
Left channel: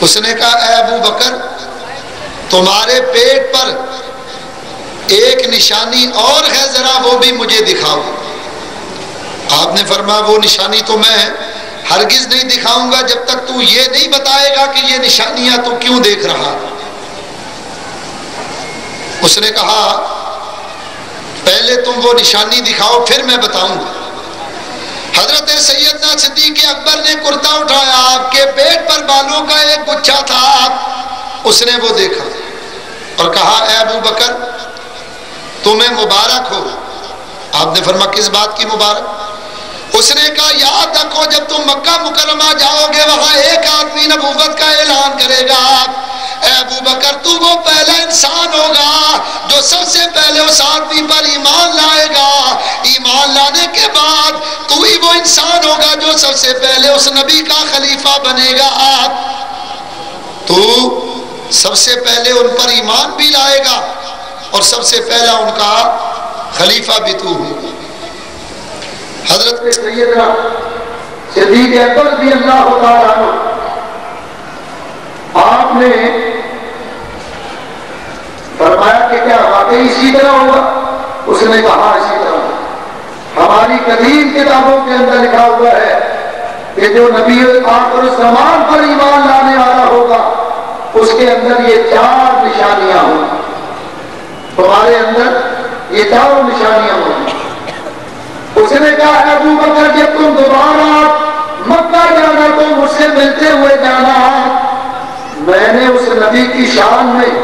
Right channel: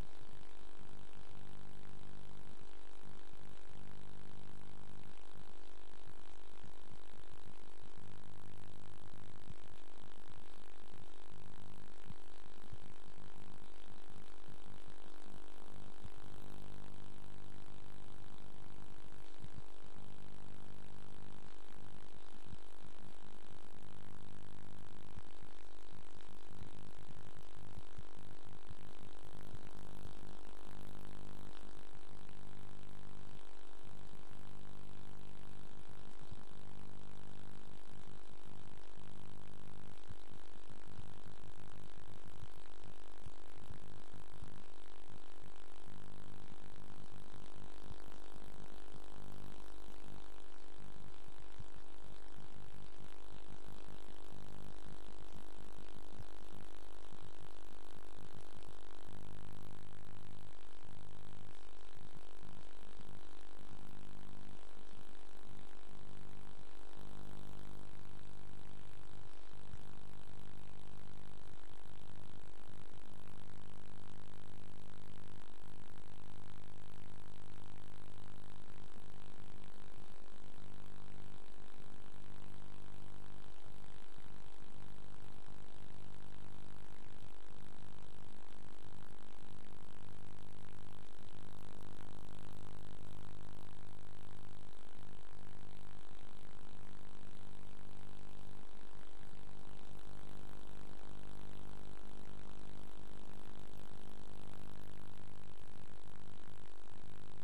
اس نے کہا اے ابو بکر تمہارے پیٹ پر ایک نشانی اور ہے، ذرا وہ بھی مجھے دکھاؤ. آپ نے فرمایا وہ نشانی تو میں ہرگز نہیں دکھاؤں گا جب تک تو یہ نہیں بتائے گا کہ یہ نشانیاں تو کیوں دیکھ رہا. اس نے کہا پہلے تم وہ نشانی دکھاؤ پھر میں بتاؤں گا. حضرت سیدنا صدیق اکبر نے کرتا اٹھایا، آپ کے پیٹ پر بالوں کا ایک گچھا تھا. اس نے وہ دیکھا اور کہا اے ابو بکر تمہیں مبارک ہو. آپ نے فرمایا کس بات کی مبارک؟ اس نے کہا یاد رکھو جب تم مکہ مکرمہ جاؤ گے وہاں ایک آدمی نبوت کا اعلان کرے گا. اے ابو بکر تو وہ پہلا انسان ہوگا جو سب سے پہلے اس آدمی پر ایمان لائے گا. ایمان لانے کے بعد تو ہی وہ انسان ہوگا جو سب سے پہلے اس نبی کا خلیفہ بنے گا. تو سب سے پہلے ان پر ایمان بھی لائے گا اور سب سے پہلا ان کا خلیفہ بھی تو ہوگا. حضرت سیدنا صدیق اکبر رضی اللہ تعالیٰ عنہ آپ نے فرمایا کہ کیا واقعی اسی طرح ہوگا؟ اس نے کہا اسی طرح. ہماری قدیم کتابوں کے اندر لکھا ہوا ہے کہ جو نبی آخر الزمان پر ایمان لانے والا ہوگا اس کے اندر یہ 4 نشانیاں ہوں. تمہارے اندر یہ 4 نشانیاں ہوں. اس نے کہا ابو بکر جب تم دوبارہ مکہ جانا تو مجھ سے ملتے ہوئے جانا. میں نے اس نبی کی شان میں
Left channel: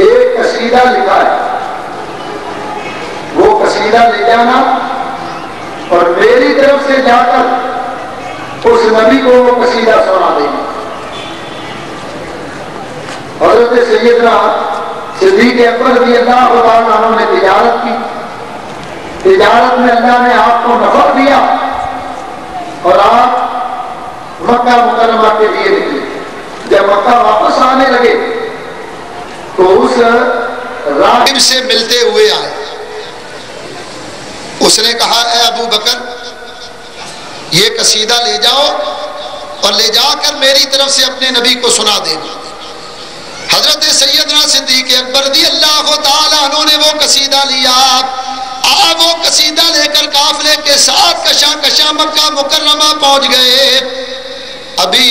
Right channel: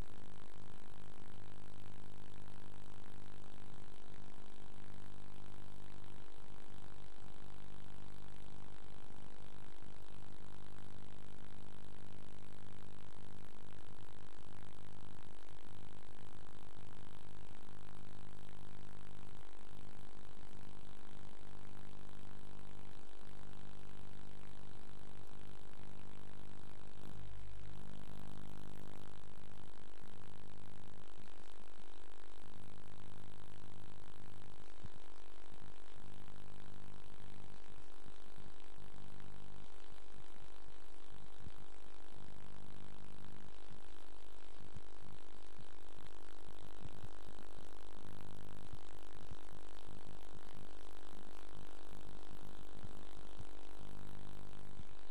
ایک قصیدہ لکھا ہے، وہ قصیدہ لے جانا اور میری طرف سے جا کر اس نبی کو وہ قصیدہ سنا دینا. حضرت سیدنا صدیق اکبر رضی اللہ عنہ نے تجارت کی. تجارت میں اللہ نے آپ کو نفع دیا اور آپ مکہ مکرمہ کے لیے نکلے. جب مکہ واپس آنے لگے تو اس راہب سے ملتے ہوئے آئے. اس نے کہا اے ابو بکر یہ قصیدہ لے جاؤ اور لے جا کر میری طرف سے اپنے نبی کو سنا دینا. حضرت سیدنا صدیق اکبر رضی اللہ تعالیٰ عنہ نے وہ قصیدہ لیا. آپ وہ قصیدہ لے کر قافلے کے ساتھ کشاں کشاں مکہ مکرمہ پہنچ گئے. ابھی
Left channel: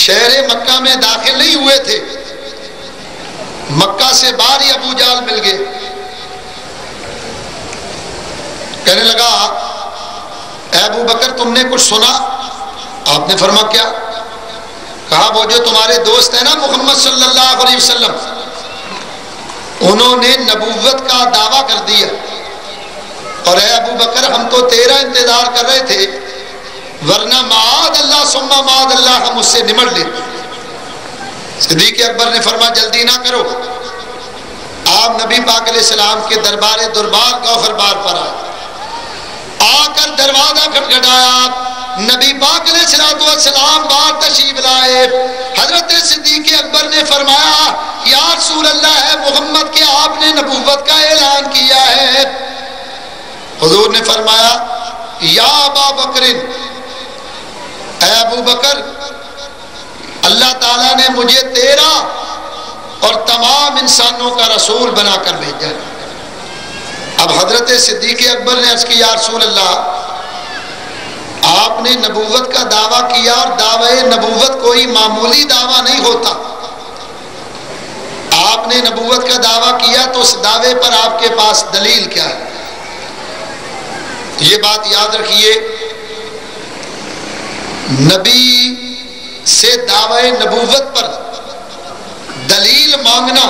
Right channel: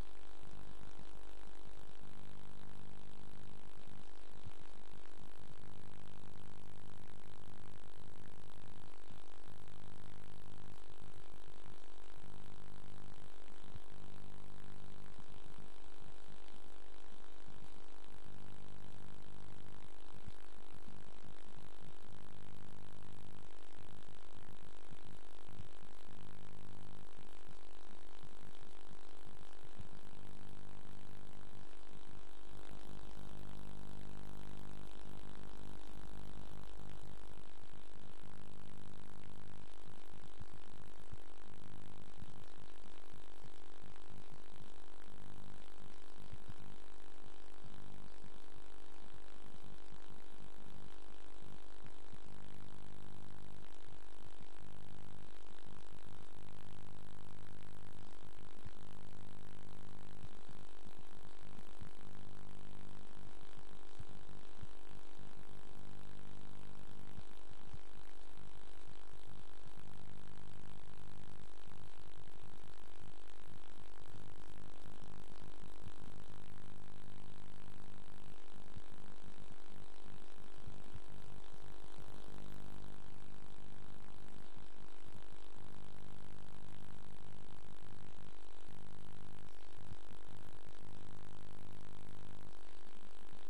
شہر مکہ میں داخل نہیں ہوئے تھے، مکہ سے باہر ہی ابو جہل مل گئے. کہنے لگا اے ابو بکر تم نے کچھ سنا؟ آپ نے فرمایا کیا؟ کہا وہ جو تمہارے دوست ہیں نا محمد صلی اللہ علیہ وسلم انہوں نے نبوت کا دعویٰ کر دیا اور اے ابو بکر ہم تو تیرا انتظار کر رہے تھے ورنہ معاذ اللہ ثم معاذ اللہ ہم اس سے نمٹ لیتے. صدیق اکبر نے فرمایا جلدی نہ کرو. آپ نبی پاک علیہ السلام کے دربار کوثر بار پر آئے. آ کر دروازہ کھٹکھٹایا. نبی پاک علیہ السلام باہر تشریف لائے. حضرت صدیق اکبر نے فرمایا یا رسول اللہ ہے محمد کہ آپ نے نبوت کا اعلان کیا ہے. حضور نے فرمایا یا ابا بکر اے ابو بکر اللہ تعالیٰ نے مجھے تیرا اور تمام انسانوں کا رسول بنا کر بھیجا. اب حضرت صدیق اکبر نے عرض کی یا رسول اللہ آپ نے نبوت کا دعویٰ کیا اور دعوی نبوت کوئی معمولی دعویٰ نہیں ہوتا. آپ نے نبوت کا دعویٰ کیا تو اس دعوے پر آپ کے پاس دلیل کیا ہے؟ یہ بات یاد رکھیے نبی سے دعوی نبوت پر دلیل مانگنا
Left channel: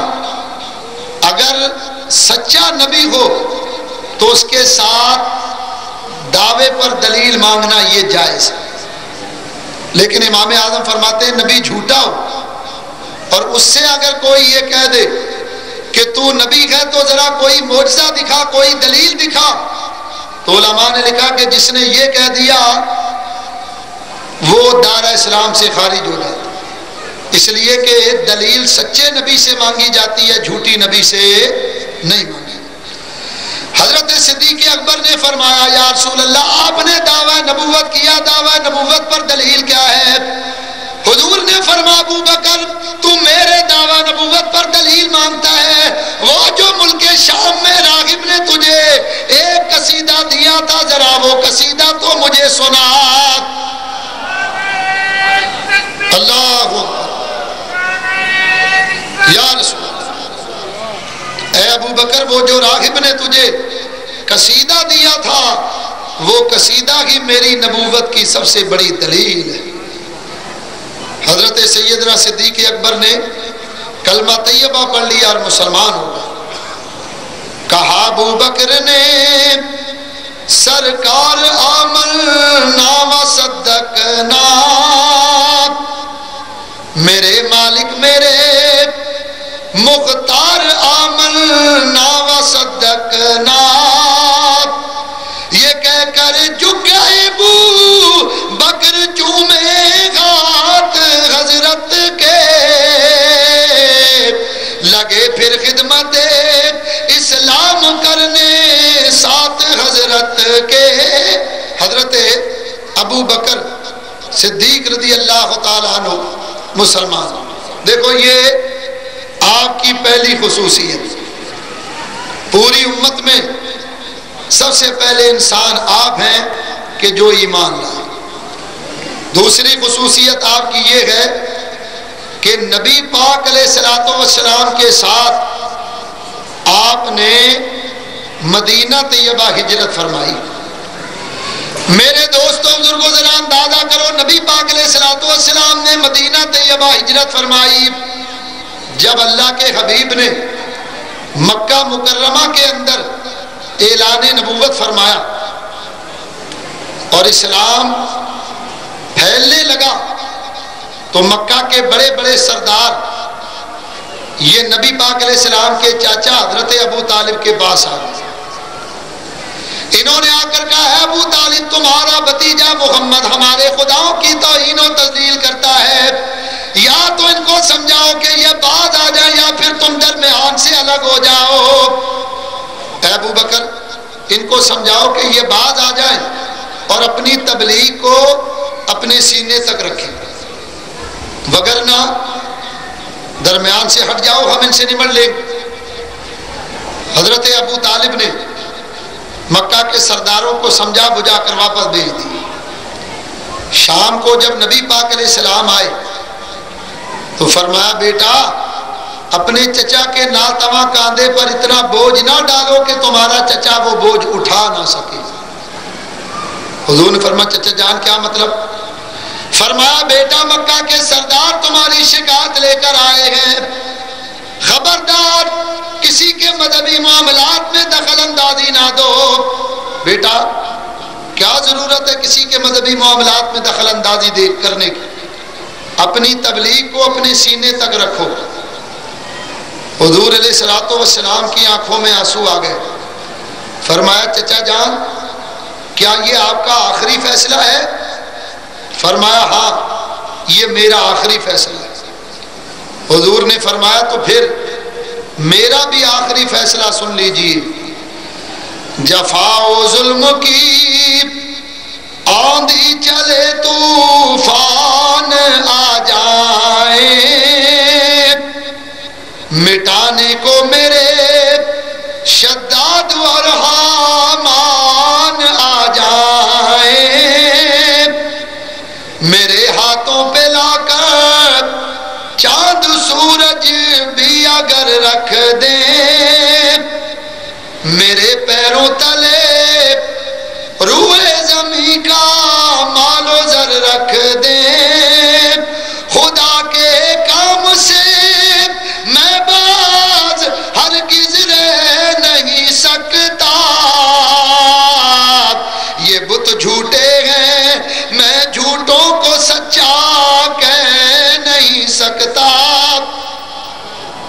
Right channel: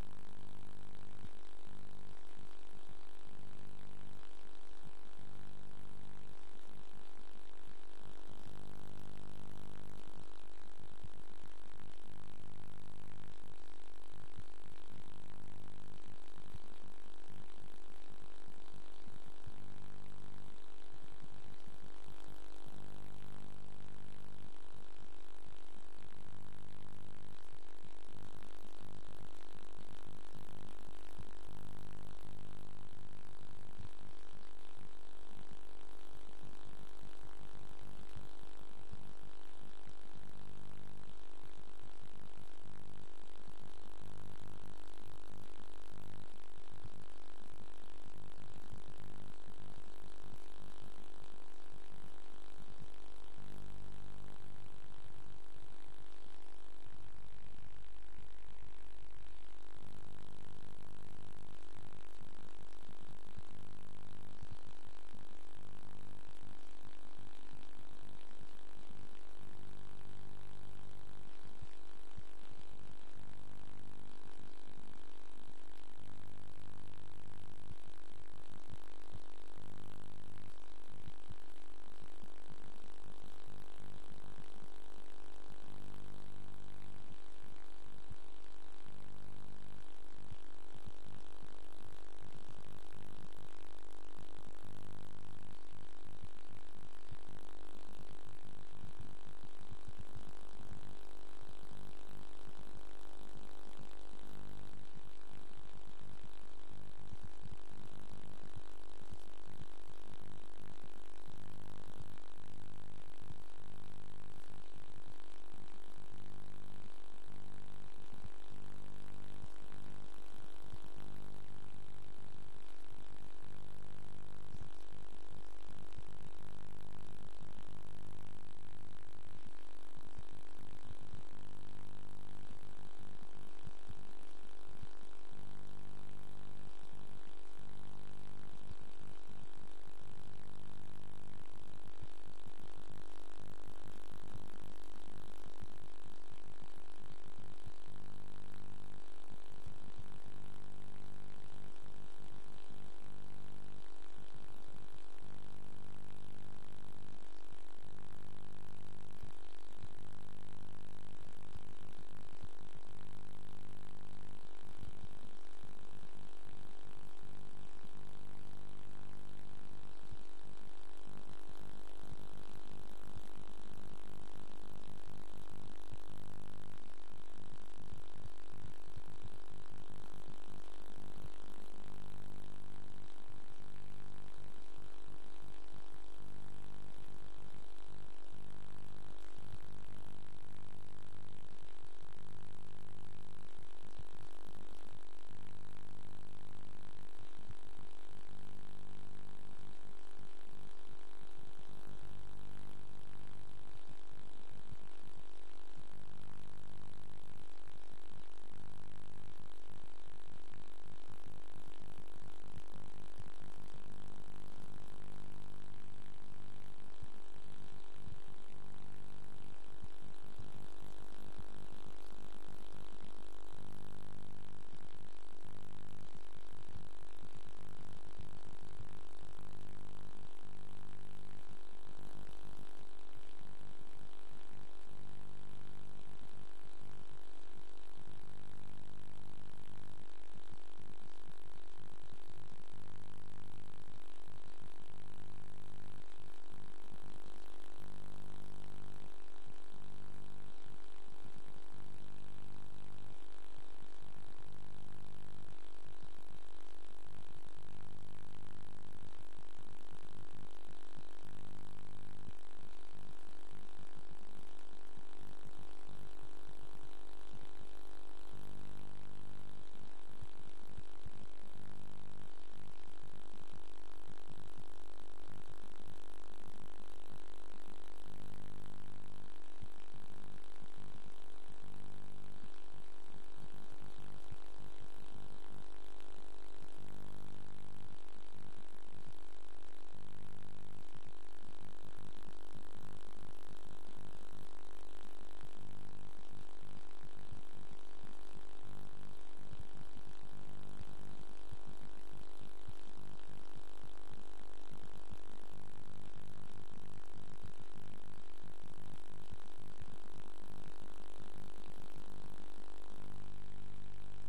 اگر سچا نبی ہو تو اس کے ساتھ دعوے پر دلیل مانگنا یہ جائز ہے. لیکن امام اعظم فرماتے ہیں نبی جھوٹا ہو اور اس سے اگر کوئی یہ کہہ دے کہ تو نبی ہے تو ذرا کوئی معجزہ دکھا، کوئی دلیل دکھا۔ تو علماء نے لکھا کہ جس نے یہ کہہ دیا وہ دار اسلام سے خارج ہو جاتا، اس لیے کہ دلیل سچے نبی سے مانگی جاتی ہے، جھوٹی نبی سے نہیں مانگی۔ حضرت صدیق اکبر نے فرمایا یا رسول اللہ آپ نے دعویٰ نبوت کیا، دعویٰ نبوت پر دلیل کیا ہے؟ حضور نے فرمایا ابو بکر تو میرے دعویٰ نبوت پر دلیل مانگتا ہے، وہ جو ملک شام میں راغب نے تجھے ایک قصیدہ دیا تھا، ذرا وہ قصیدہ تو مجھے سنا۔ اللہ یا رسول اللہ، اے ابو بکر وہ جو راغب نے تجھے قصیدہ دیا تھا وہ قصیدہ ہی میری نبوت کی سب سے بڑی دلیل ہے۔ حضرت سیدنا صدیق اکبر نے کلمہ طیبہ پڑھ لیا اور مسلمان ہو گئے۔ کہا ابو بکر نے سرکار آمنا و صدقنا، میرے مالک میرے مختار آمنا و صدقنا، یہ کہہ کر جھک گئے ابو بکر چومے ہاتھ حضرت کے، لگے پھر خدمت اسلام کرنے ساتھ حضرت کے۔ حضرت ابو بکر صدیق رضی اللہ تعالیٰ عنہ مسلمان۔ دیکھو یہ آپ کی پہلی خصوصیت، پوری امت میں سب سے پہلے انسان آپ ہیں کہ جو ایمان لائے۔ دوسری خصوصیت آپ کی یہ ہے کہ نبی پاک علیہ السلام کے ساتھ آپ نے مدینہ طیبہ ہجرت فرمائی۔ میرے دوستوں بزرگوں ذرا اندازہ کرو، نبی پاک علیہ السلام نے مدینہ طیبہ ہجرت فرمائی جب اللہ کے حبیب نے مکہ مکرمہ کے اندر اعلان نبوت فرمایا اور اسلام پھیلنے لگا تو مکہ کے بڑے بڑے سردار یہ نبی پاک علیہ السلام کے چاچا حضرت ابو طالب کے پاس آ گئے۔ انہوں نے آ کر کہا ہے ابو طالب تمہارا بھتیجا محمد ہمارے خداؤں کی توہین و تذلیل کرتا ہے، یا تو ان کو سمجھاؤ کہ یہ باز آ جائے یا پھر تم درمیان سے الگ ہو جاؤ۔ اے ابو بکر ان کو سمجھاؤ کہ یہ باز آ جائیں اور اپنی تبلیغ کو اپنے سینے تک رکھیں، وگرنہ درمیان سے ہٹ جاؤ ہم ان سے نمٹ لیں۔ حضرت ابو طالب نے مکہ کے سرداروں کو سمجھا بجھا کر واپس بھیج دی۔ شام کو جب نبی پاک علیہ السلام آئے تو فرمایا بیٹا اپنے چچا کے ناتواں کاندھے پر اتنا بوجھ نہ ڈالو کہ تمہارا چچا وہ بوجھ اٹھا نہ سکے۔ حضور نے فرمایا چچا جان کیا مطلب؟ فرمایا بیٹا مکہ کے سردار تمہاری شکایت لے کر آئے ہیں، خبردار کسی کے مذہبی معاملات میں دخل اندازی نہ دو۔ بیٹا کیا ضرورت ہے کسی کے مذہبی معاملات میں دخل اندازی کرنے کی؟ اپنی تبلیغ کو اپنے سینے تک رکھو۔ حضور علیہ السلام کی آنکھوں میں آنسو آ گئے۔ فرمایا چچا جان کیا یہ آپ کا آخری فیصلہ ہے؟ فرمایا ہاں یہ میرا آخری فیصلہ ہے۔ حضور نے فرمایا تو پھر میرا بھی آخری فیصلہ سن لیجیے، جفا و ظلم کی آندھی چلے طوفان آ جائے، مٹانے کو میرے شداد اور حامان آ جائے، میرے ہاتھوں پہ لا کر چاند سورج بھی اگر رکھ دیں، میرے پیروں تلے روئے زمین کا مال و زر رکھ دیں، خدا کے کام سے میں باز ہرگز رہ نہیں سکتا، یہ بت جھوٹے ہیں میں جھوٹوں کو سچا کہہ نہیں سکتا۔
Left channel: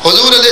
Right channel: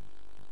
حضور علیہ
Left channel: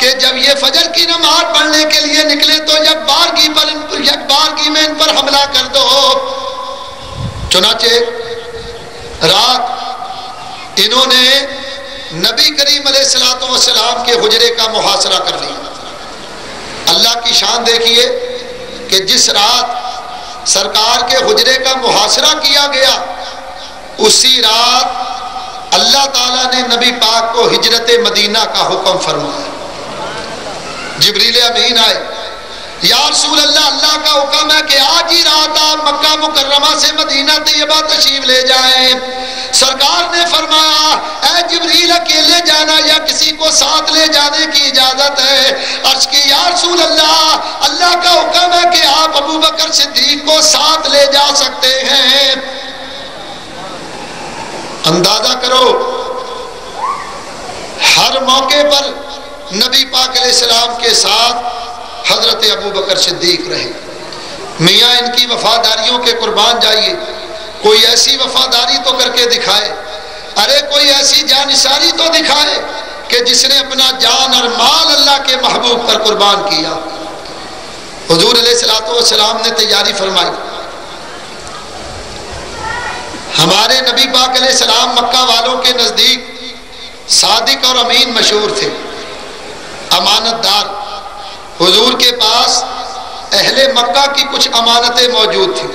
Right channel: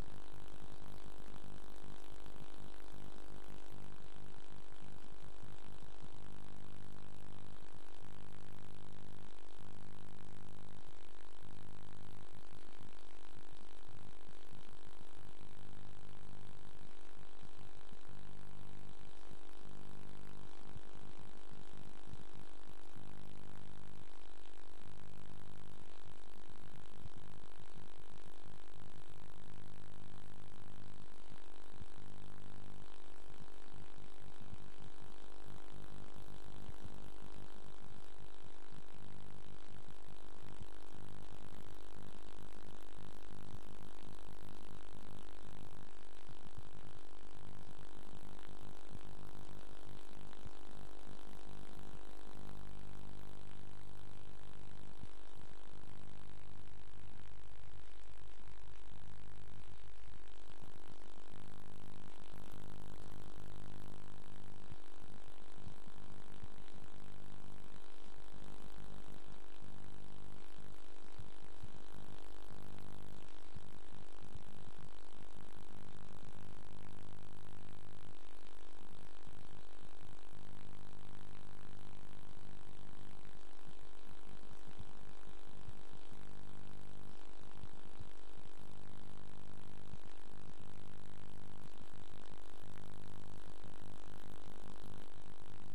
کہ جب یہ فجر کی نماز پڑھنے کے لیے نکلے تو یکبارگی میں ان پر حملہ کر دو۔ چنانچہ رات انہوں نے نبی کریم علیہ السلام کے حجرے کا محاصرہ کر لیا۔ اللہ کی شان دیکھیے کہ جس رات سرکار کے حجرے کا محاصرہ کیا گیا اسی رات اللہ تعالیٰ نے نبی پاک کو ہجرت مدینہ کا حکم فرمایا۔ جبریل امین آئے، یا رسول اللہ، اللہ کا حکم ہے کہ آج ہی رات آپ مکہ مکرمہ سے مدینہ طیبہ تشریف لے جائیں۔ سرکار نے فرمایا، اے جبریل، اکیلے جانا یا کسی کو ساتھ لے جانے کی اجازت ہے؟ عرض کی، یا رسول اللہ، اللہ کا حکم ہے کہ آپ ابو بکر صدیق کو ساتھ لے جا سکتے ہیں۔ اندازہ کرو، ہر موقع پر نبی پاک علیہ السلام کے ساتھ حضرت ابو بکر صدیق رہے۔ میاں ان کی وفاداریوں کے قربان جائیے، کوئی ایسی وفاداری تو کر کے دکھائے، ارے کوئی ایسی جانثاری تو دکھائے کہ جس نے اپنا جان اور مال اللہ کے محبوب پر قربان کیا۔ حضور علیہ السلام نے تیاری فرمائی۔ ہمارے نبی پاک علیہ السلام مکہ والوں کے نزدیک صادق اور امین مشہور تھے، امانت دار۔ حضور کے پاس اہل مکہ کی کچھ امانتیں موجود تھیں۔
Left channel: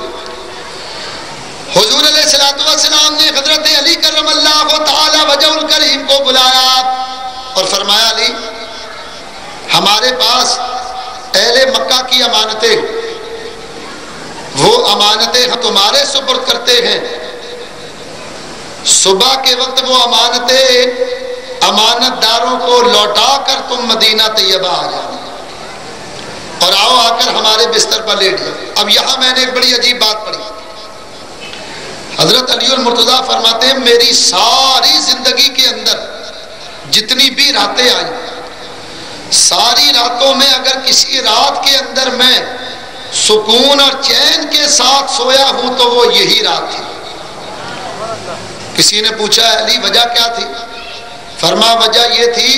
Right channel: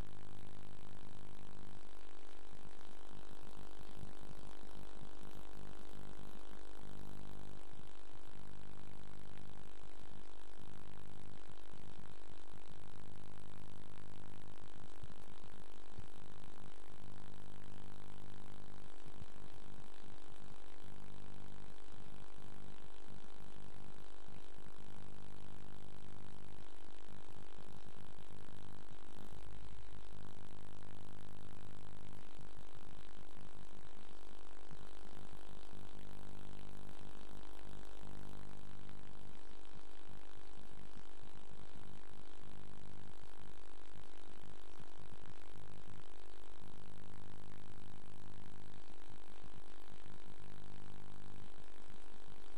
حضور علیہ السلام نے حضرت علی کرم اللہ تعالی وجہ الکریم کو بلایا اور فرمایا، علی، ہمارے پاس اہل مکہ کی امانتیں، وہ امانتیں ہم تمہارے سپرد کرتے ہیں۔ صبح کے وقت وہ امانتیں امانت داروں کو لوٹا کر تم مدینہ طیبہ آ جاؤ اور آؤ آ کر ہمارے بستر پر لیٹ جاؤ۔ اب یہاں میں نے ایک بڑی عجیب بات پڑھی۔ حضرت علی المرتضیٰ فرماتے ہیں، میری ساری زندگی کے اندر جتنی بھی راتیں آئیں، ساری راتوں میں اگر کسی رات کے اندر میں سکون اور چین کے ساتھ سویا ہوں تو وہ یہی رات تھی۔ کسی نے پوچھا، علی وجہ کیا تھی؟ فرمایا، وجہ یہ تھی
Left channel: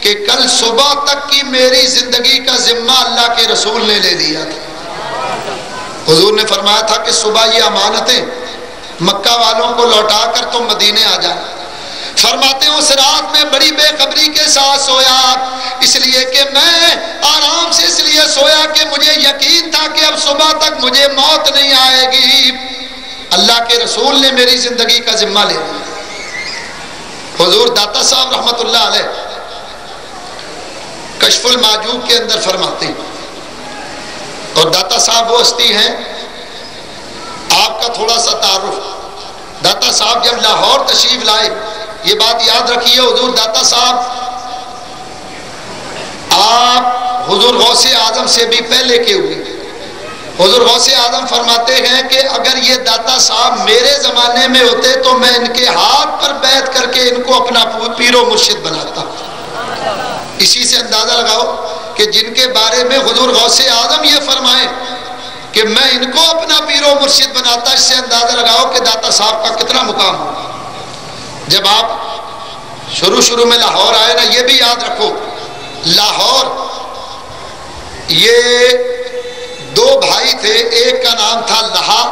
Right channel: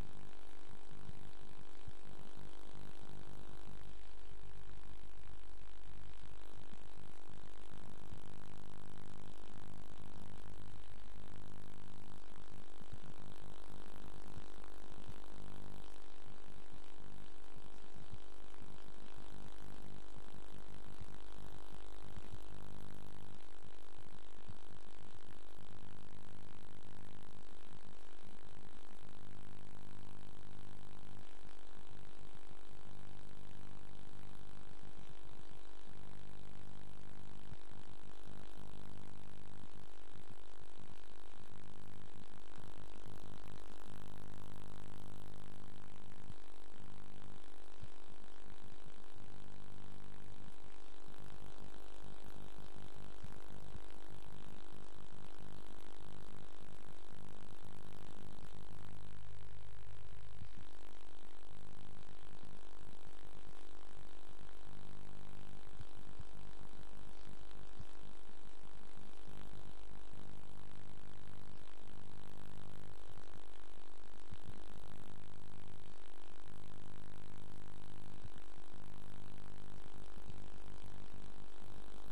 کہ کل صبح تک کی میری زندگی کا ذمہ اللہ کے رسول نے لے لیا تھا۔ حضور نے فرمایا تھا کہ صبح یہ امانتیں مکہ والوں کو لوٹا کر تم مدینے آ جائیں۔ فرماتے ہیں اس رات میں بڑی بے خبری کے ساتھ سویا، اس لیے کہ میں آرام سے اس لیے سویا کہ مجھے یقین تھا کہ اب صبح تک مجھے موت نہیں آئے گی۔ اللہ کے رسول نے میری زندگی کا ذمہ لے لیا۔ حضور داتا صاحب رحمت اللہ علیہ کشف المعجوب کے اندر فرماتے ہیں، اور داتا صاحب وہ ہستی ہیں، آپ کا تھوڑا سا تعارف۔ داتا صاحب جب لاہور تشریف لائے، یہ بات یاد رکھیے، حضور داتا صاحب آپ حضور غوث اعظم سے بھی پہلے کے ہوئے۔ حضور غوث اعظم فرماتے ہیں کہ اگر یہ داتا صاحب میرے زمانے میں ہوتے تو میں ان کے ہاتھ پر بیعت کر کے ان کو اپنا پیر و مرشد بناتا۔ اسی سے اندازہ لگاؤ کہ جن کے بارے میں حضور غوث اعظم یہ فرمائیں کہ میں ان کو اپنا پیر و مرشد بناتا، اس سے اندازہ لگاؤ کہ داتا صاحب کا کتنا مقام ہو۔ جب آپ شروع میں لاہور آئے نا، یہ بھی یاد رکھو، لاہور یہ دو بھائی تھے، ایک کا نام تھا لہا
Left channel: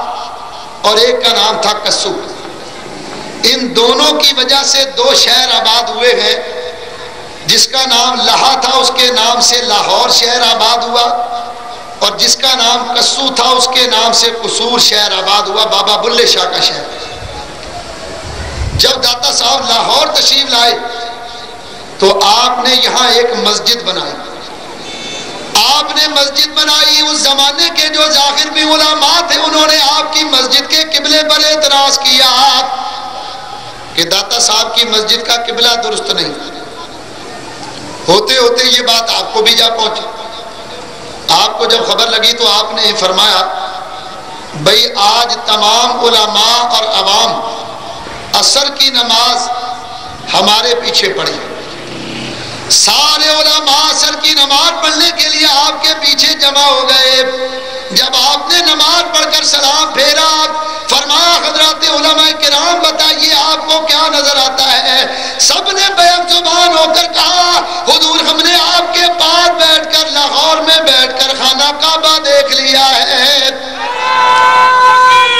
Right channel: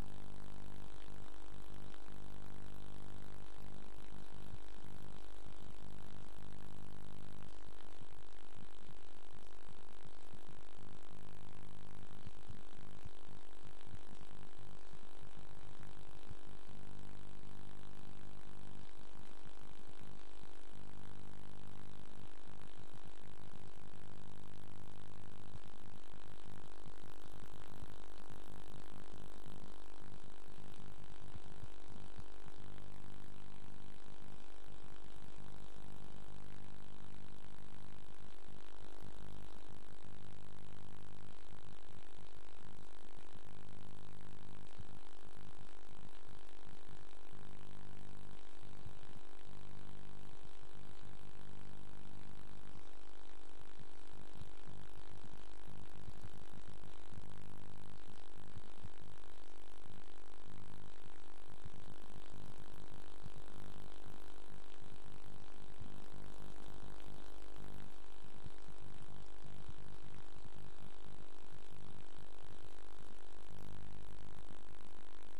اور ایک کا نام تھا کسو۔ ان دونوں کی وجہ سے دو شہر آباد ہوئے ہیں۔ جس کا نام لہا تھا اس کے نام سے لاہور شہر آباد ہوا، اور جس کا نام کسو تھا اس کے نام سے قصور شہر آباد ہوا، بابا بلے شاہ کا شہر۔ جب داتا صاحب لاہور تشریف لائے تو آپ نے یہاں ایک مسجد بنائی۔ آپ نے مسجد بنائی، اس زمانے کے جو ظاہر بھی علماء تھے انہوں نے آپ کی مسجد کے قبلے پر اعتراض کیا کہ داتا صاحب کی مسجد کا قبلہ درست نہیں۔ ہوتے ہوتے یہ بات آپ کو بھی جا پہنچی۔ آپ کو جب خبر لگی تو آپ نے فرمایا، بھئی آج تمام علماء اور عوام عصر کی نماز ہمارے پیچھے پڑی، سارے علماء عصر کی نماز پڑھنے کے لیے آپ کے پیچھے جمع ہو گئے۔ جب آپ نے نماز پڑھ کر سلام پھیرا، فرمایا، حضرات علماء کرام بتائیے آپ کو کیا نظر آتا ہے؟ سب نے بیک زبان ہو کر کہا حضور ہم نے آپ کے پاس بیٹھ کر لاہور میں بیٹھ کر خانہ کعبہ دیکھ لیا ہے۔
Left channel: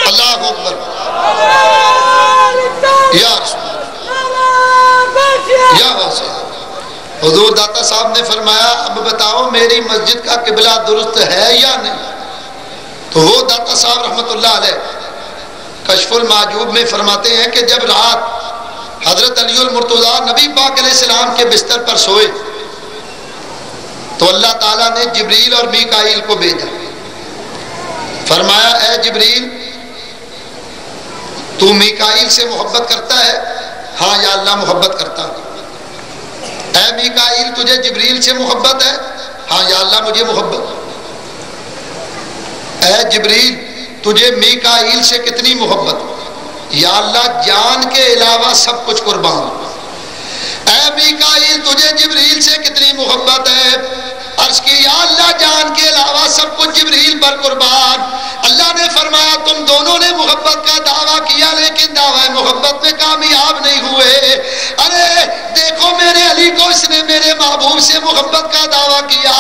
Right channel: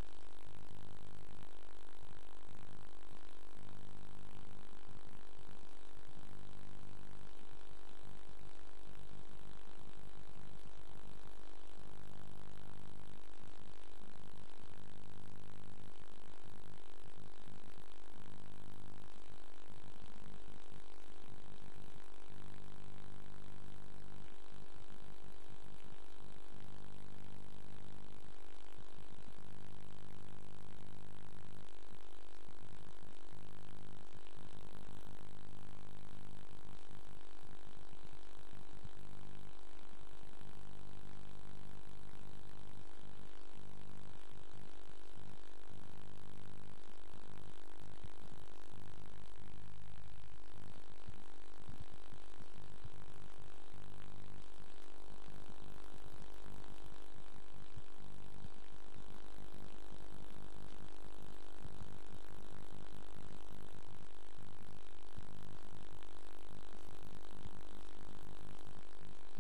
اللہ اکبر یا رسول یا واسع۔ حضور داتا صاحب نے فرمایا اب بتاؤ میری مسجد کا قبلہ درست ہے یا نہیں؟ تو وہ داتا صاحب رحمت اللہ علیہ کشف المعجوب میں فرماتے ہیں کہ جب رات حضرت علی المرتضیٰ نبی پاک علیہ السلام کے بستر پر سوئے تو اللہ تعالیٰ نے جبریل اور میکائیل کو بھیجا، فرمایا اے جبریل تو میکائیل سے محبت کرتا ہے؟ ہاں یا اللہ محبت کرتا ہوں۔ اے میکائیل تجھے جبریل سے محبت ہے؟ ہاں یا اللہ مجھے محبت۔ اے جبریل تجھے میکائیل سے کتنی محبت؟ یا اللہ جان کے علاوہ سب کچھ قربان۔ اے میکائیل تجھے جبریل سے کتنی محبت ہے؟ عرض کی یا اللہ جان کے علاوہ سب کچھ جبریل پر قربان۔ اللہ نے فرمایا تم دونوں نے محبت کا دعویٰ کیا لیکن دعویٰ محبت میں کامیاب نہیں ہوئے۔ ارے دیکھو میرے علی کو اس نے میرے محبوب سے محبت کا دعویٰ کیا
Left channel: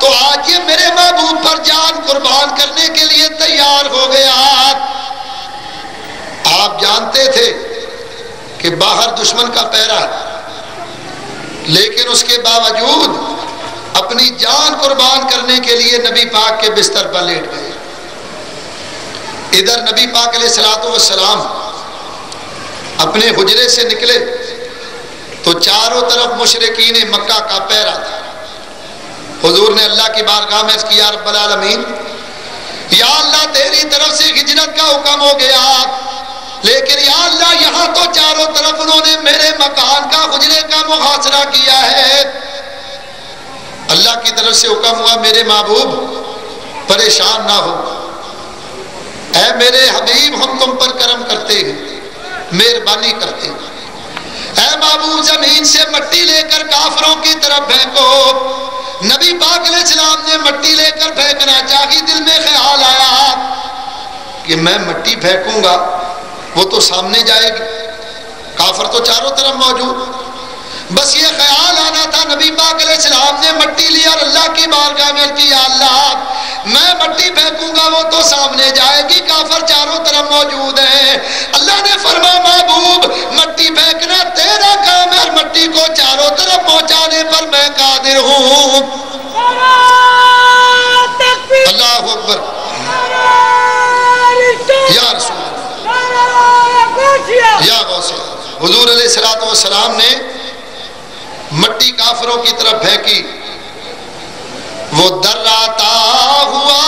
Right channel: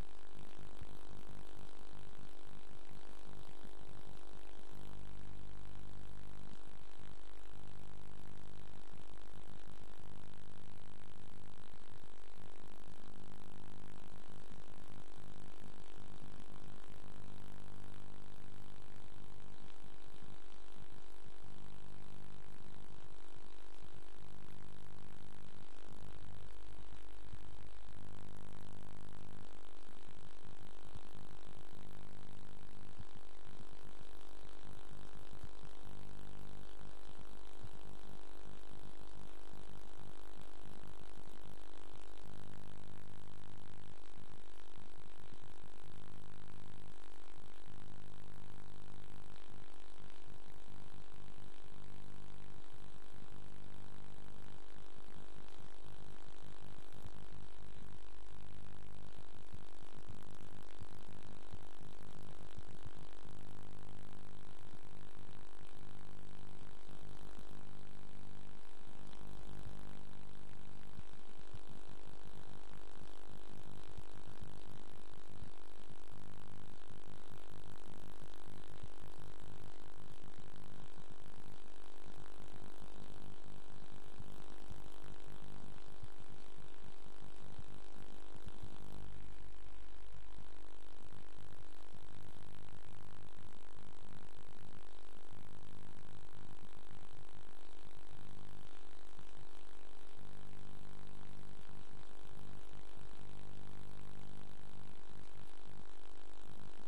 تو آج یہ میرے محبوب پر جان قربان کرنے کے لیے تیار ہو گیا۔ آپ جانتے تھے کہ باہر دشمن کا پہرا ہے لیکن اس کے باوجود اپنی جان قربان کرنے کے لیے نبی پاک کے بستر پر لیٹ گئے۔ ادھر نبی پاک علیہ السلام اپنے حجرے سے نکلے تو چاروں طرف مشرکین مکہ کا پہرا تھا۔ حضور نے اللہ کی بارگاہ میں عرض کیا رب العالمین یا اللہ تیری طرف سے ہجرت کا حکم ہو گیا لیکن یا اللہ یہاں تو چاروں طرف انہوں نے میرے مکان کا حجرے کا محاصرہ کیا ہے۔ اللہ کی طرف سے حکم ہوا میرے محبوب پریشان نہ ہو، اے میرے حبیب ہم تم پر کرم کرتے ہیں مہربانی کرتے ہیں، اے محبوب زمین سے مٹی لے کر کافروں کی طرف پھینکو۔ نبی پاک علیہ السلام نے مٹی لے کر پھینکنا چاہی، دل میں خیال آیا کہ میں مٹی پھینکوں گا وہ تو سامنے جائے گی، کافر تو چاروں طرف موجود۔ بس یہ خیال آنا تھا، نبی پاک علیہ السلام نے مٹی لی اور اللہ کی بارگاہ میں کیا اللہ میں مٹی پھینکوں گا وہ تو سامنے جائے گی، کافر چاروں طرف موجود ہیں۔ اللہ نے فرمایا محبوب مٹی پھینکنا تیرا کام ہے اور مٹی کو چاروں طرف پہنچانے پر میں قادر ہوں۔ اللہ اکبر یا رسول یا غوث۔ حضور علیہ السلام نے مٹی کافروں کی طرف پھینکی، وہ دراتا ہوا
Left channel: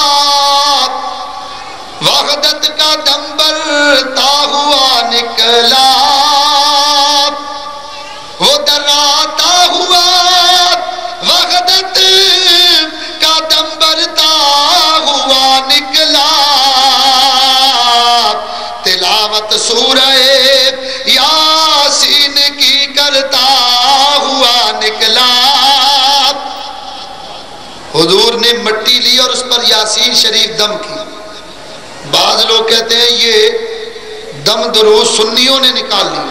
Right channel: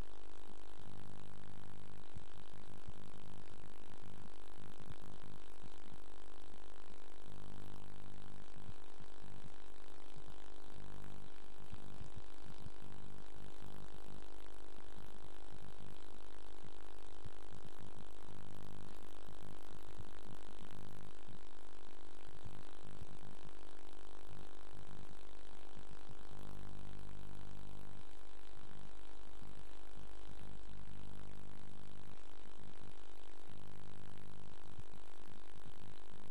وحدت کا دم برتا ہوا نکلا، وہ دراتا ہوا وحدت کا دم برتا ہوا نکلا، تلاوت سورہ یاسین کی کرتا ہوا نکلا۔ حضور نے مٹی لی اور اس پر یاسین شریف دم کی۔ بعض لوگ کہتے ہیں یہ دم دروز سنیوں نے نکال لی،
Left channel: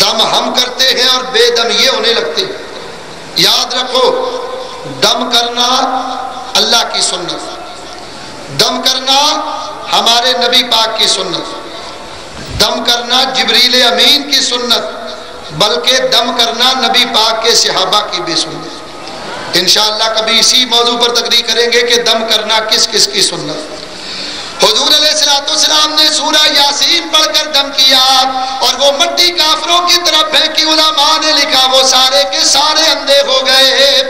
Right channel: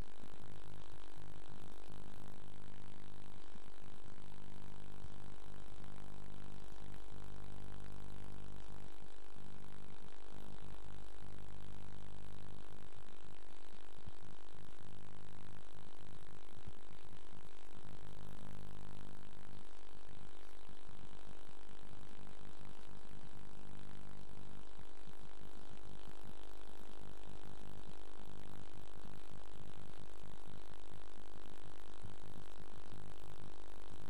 دم ہم کرتے ہیں اور بے دم یہ ہونے لگتے ہیں۔ یاد رکھو دم کرنا اللہ کی سنت، دم کرنا ہمارے نبی پاک کی سنت، دم کرنا جبریل امین کی سنت، بلکہ دم کرنا نبی پاک کے صحابہ کی بھی سنت۔ انشاءاللہ کبھی اسی موضوع پر تقریر کریں گے کہ دم کرنا کس کس کی سنت۔ حضور علیہ السلام نے سورہ یاسین پڑھ کر دم کیا اور وہ مٹی کافروں کی طرف پھینکی، علماء نے لکھا وہ سارے کے سارے اندھے ہو گئے۔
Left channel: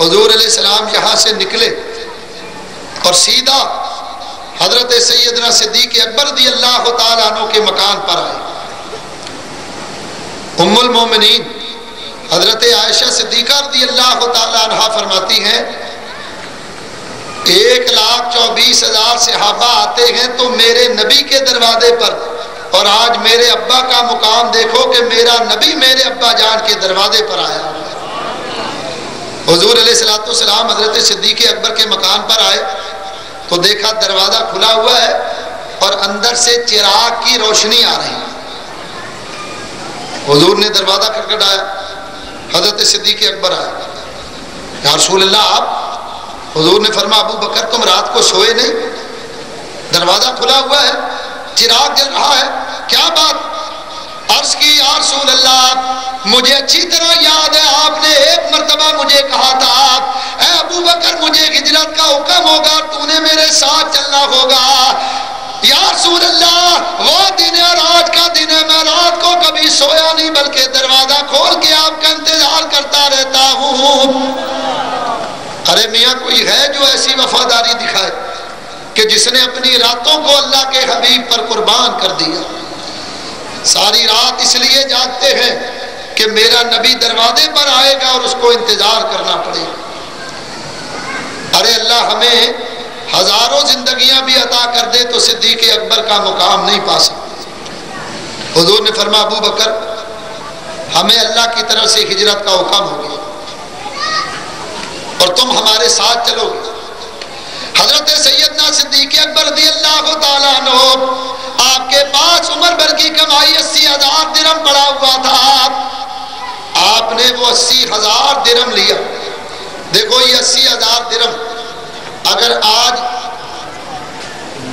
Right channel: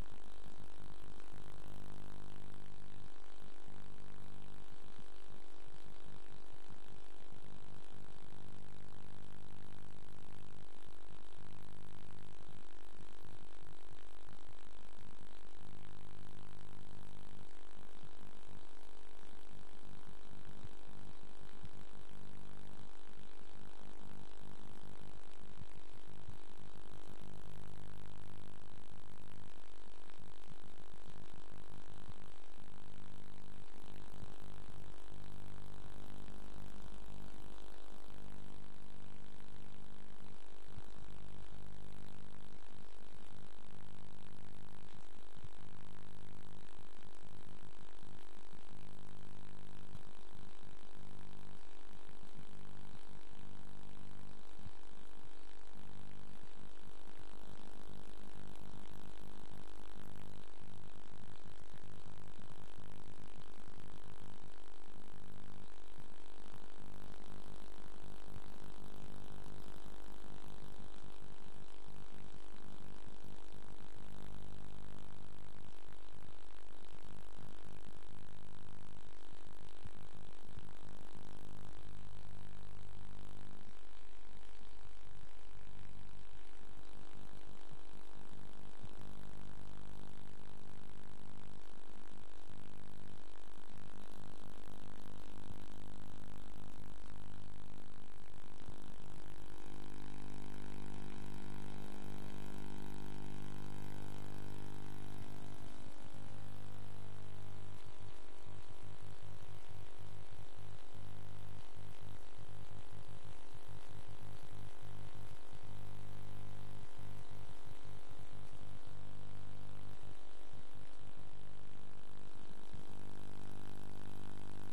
حضور علیہ السلام یہاں سے نکلے اور سیدھا حضرت سیدنا صدیق اکبر رضی اللہ تعالیٰ عنہ کے مکان پر آئے۔ ام المومنین حضرت عائشہ صدیقہ رضی اللہ تعالیٰ عنہ فرماتی ہیں 1,24,000 صحابہ آتے ہیں تو میرے نبی کے دروازے پر، اور آج میرے ابا کا مقام دیکھو کہ میرا نبی میرے ابا جان کے دروازے پر آیا۔ حضور علیہ السلام حضرت صدیق اکبر کے مکان پر آئے تو دیکھا دروازہ کھلا ہوا ہے اور اندر سے چراغ کی روشنی آ رہی۔ حضور نے دروازہ کھٹکھٹایا، حضرت صدیق اکبر آئے، یا رسول اللہ آپ؟ حضور نے فرمایا ابو بکر تم رات کو سوئے نہیں؟ دروازہ کھلا ہوا ہے، چراغ جل رہا ہے، کیا بات؟ عرض کی یا رسول اللہ مجھے اچھی طرح یاد ہے آپ نے ایک مرتبہ مجھے کہا تھا اے ابو بکر مجھے ہجرت کا حکم ہوگا، تو نے میرے ساتھ چلنا ہوگا۔ یا رسول اللہ وہ دن ہے اور آج کا دن ہے، میں رات کو کبھی سویا نہیں بلکہ دروازہ کھول کے آپ کا انتظار کرتا رہتا ہوں۔ ارے میاں کوئی ہے جو ایسی وفاداری دکھائے کہ جس نے اپنی راتوں کو اللہ کے حبیب پر قربان کر دیا؟ ساری رات اس لیے جاگتے ہیں کہ میرا نبی دروازے پر آئے گا اور اس کو انتظار کرنا پڑے گا۔ ارے اللہ ہمیں ہزاروں زندگیاں بھی عطا کر دے تو صدیق اکبر کا مقام نہیں پا سکتے۔ حضور نے فرمایا ابو بکر ہمیں اللہ کی طرف سے ہجرت کا حکم ہو گیا اور تم ہمارے ساتھ چلو گے۔ حضرت سیدنا صدیق اکبر رضی اللہ تعالیٰ عنہ آپ کے پاس عمر بھر کی کمائی 80,000 درہم پڑا ہوا تھا، آپ نے وہ 80,000 درہم لیا۔ دیکھو یہ 80,000 درہم اگر آج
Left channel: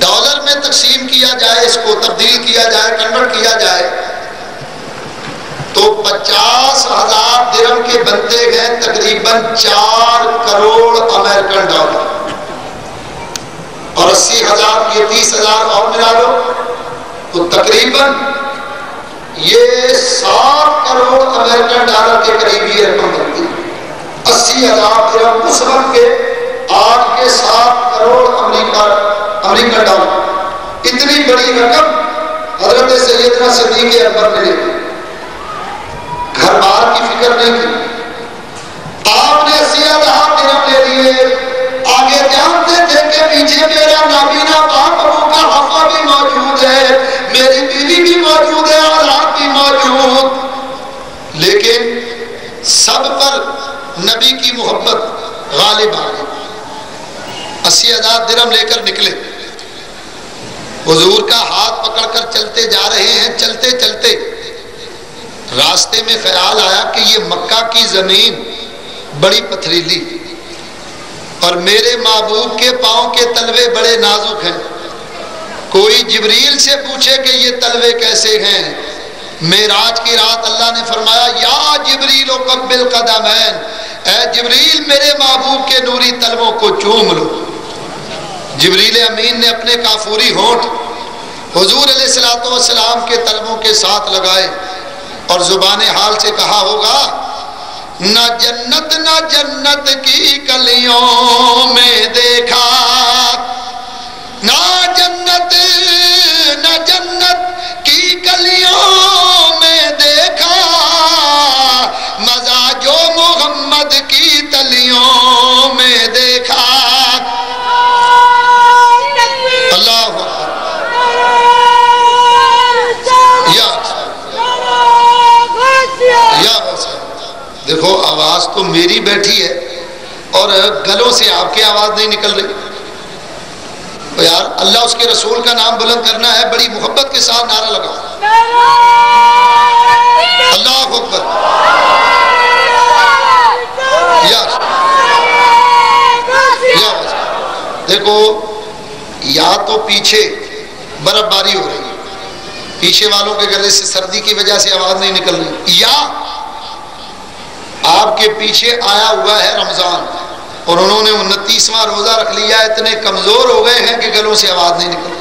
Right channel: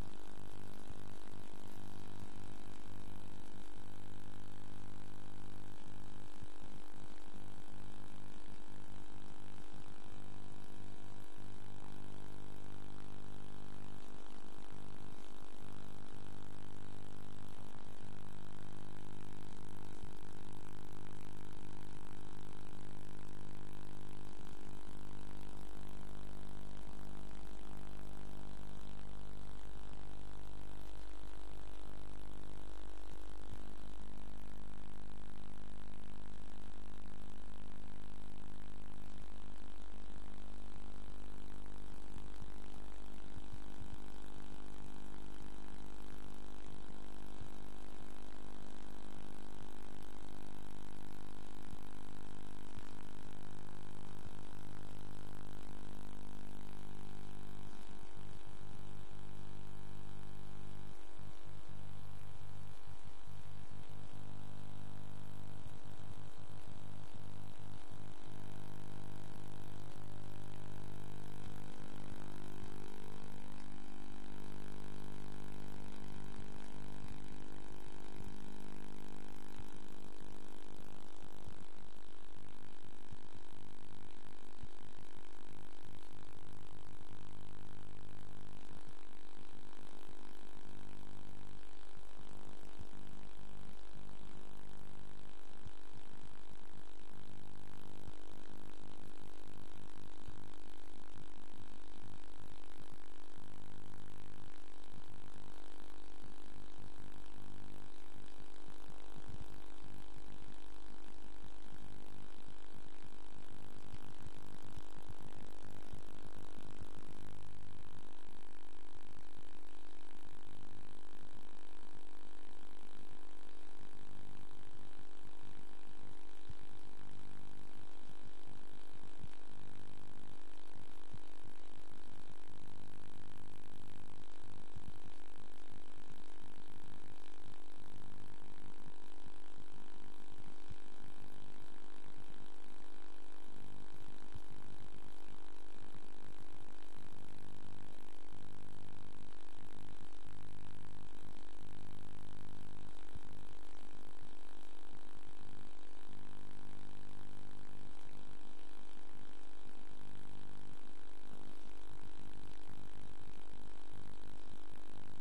ڈالر میں تقسیم کیا جائے، اس کو تبدیل کیا جائے، کنورٹ کیا جائے تو 50,000 درہم کے بنتے ہیں تقریباً 4 کروڑ امریکن ڈالر، اور 80,000 کی 30,000 اور ملا لو تو تقریباً یہ 7 کروڑ امریکن ڈالر کے قریب یہ رقم بنتی ہے۔ 80,000 درہم اس وقت کے آج کے 7 کروڑ امریکن ڈالر، اتنی بڑی رقم حضرت سیدنا صدیق اکبر نے لی، گھر بار کی فکر نہیں کی، آپ نے 80,000 درہم لے لیے۔ آگے جانتے تھے کہ پیچھے میرا نابینا باپ ابو کا حفا بھی موجود ہے، میری بیوی بھی موجود ہے، اولاد بھی موجود، لیکن سب پر نبی کی محبت غالب آ گئی۔ 80,000 درہم لے کر نکلے، حضور کا ہاتھ پکڑ کر چلتے جا رہے ہیں۔ چلتے چلتے راستے میں خیال آیا کہ یہ مکہ کی زمین بڑی پتھریلی اور میرے محبوب کے پاؤں کے تلوے بڑے نازک ہیں، کوئی جبریل سے پوچھے کہ یہ تلوے کیسے ہیں۔ معراج کی رات اللہ نے فرمایا یا جبریل قبل قدمین، اے جبریل میرے محبوب کے نوری تلووں کو چوم لو۔ جبریل امین نے اپنے کافوری ہونٹ حضور علیہ السلام کے تلووں کے ساتھ لگائے اور زبان حال سے کہا ہوگا نہ جنت کی کلیوں میں دیکھا، نہ جنت کی کلیوں میں دیکھا، مزہ جو محمد کی تلیوں میں دیکھا۔ اللہ دیکھو آواز تو میری بیٹھی ہے اور گلوں سے آپ کی آواز نہیں نکل رہی۔ تو یار اللہ اس کے رسول کا نام بلند کرنا ہے، بڑی محبت کے ساتھ نعرہ لگاؤ اللہ اکبر۔ دیکھو یا تو پیچھے برف باری ہو رہی ہے، پیچھے والوں کے گلے سے سردی کی وجہ سے آواز نہیں نکل رہی، یا آپ کے پیچھے آیا ہوا ہے رمضان اور انہوں نے 29واں روزہ رکھ لیا، اتنے کمزور ہو گئے ہیں کہ گلوں سے آواز نہیں نکل رہی۔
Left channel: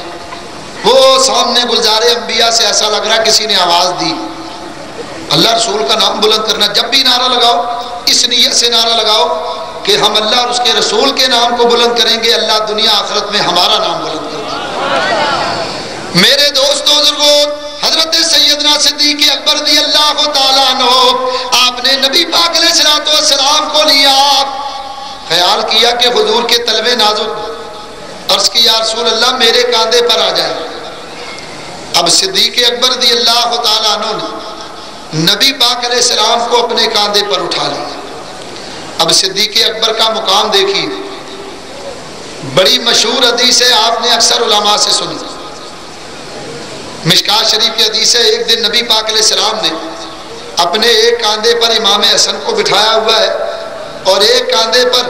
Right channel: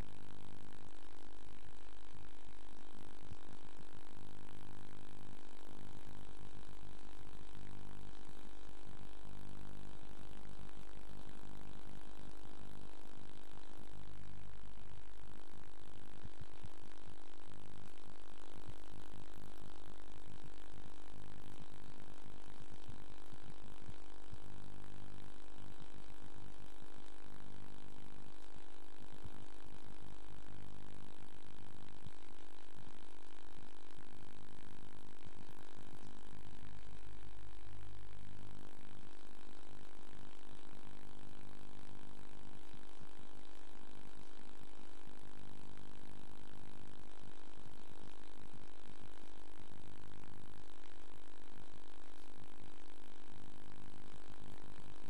وہ سامنے گلزار انبیاء سے ایسا لگ رہا کسی نے آواز دی۔ اللہ رسول کا نام بلند کرنا، جب بھی نعرہ لگاؤ اس نیت سے نعرہ لگاؤ کہ ہم اللہ اور اس کے رسول کے نام کو بلند کریں گے، اللہ دنیا آخرت میں ہمارا نام بلند کر دے۔ میرے دوستو بزرگوں، حضرت سیدنا صدیق اکبر رضی اللہ تعالیٰ عنہ آپ نے نبی پاک علیہ السلام کو لیا، خیال کیا کہ حضور کے تلوے نازک، عرض کی یا رسول اللہ میرے کاندھے پر آ جائیں۔ اب صدیق اکبر رضی اللہ تعالیٰ عنہ نے نبی پاک علیہ السلام کو اپنے کاندھے پر اٹھا لیا۔ اب صدیق اکبر کا مقام دیکھیے، بڑی مشہور حدیث ہے، آپ نے اکثر علماء سے سنی، مشکات شریف کی حدیث ہے۔ ایک دن نبی پاک علیہ السلام نے اپنے ایک کاندھے پر امام حسن کو بٹھایا ہوا ہے اور ایک کاندھے پر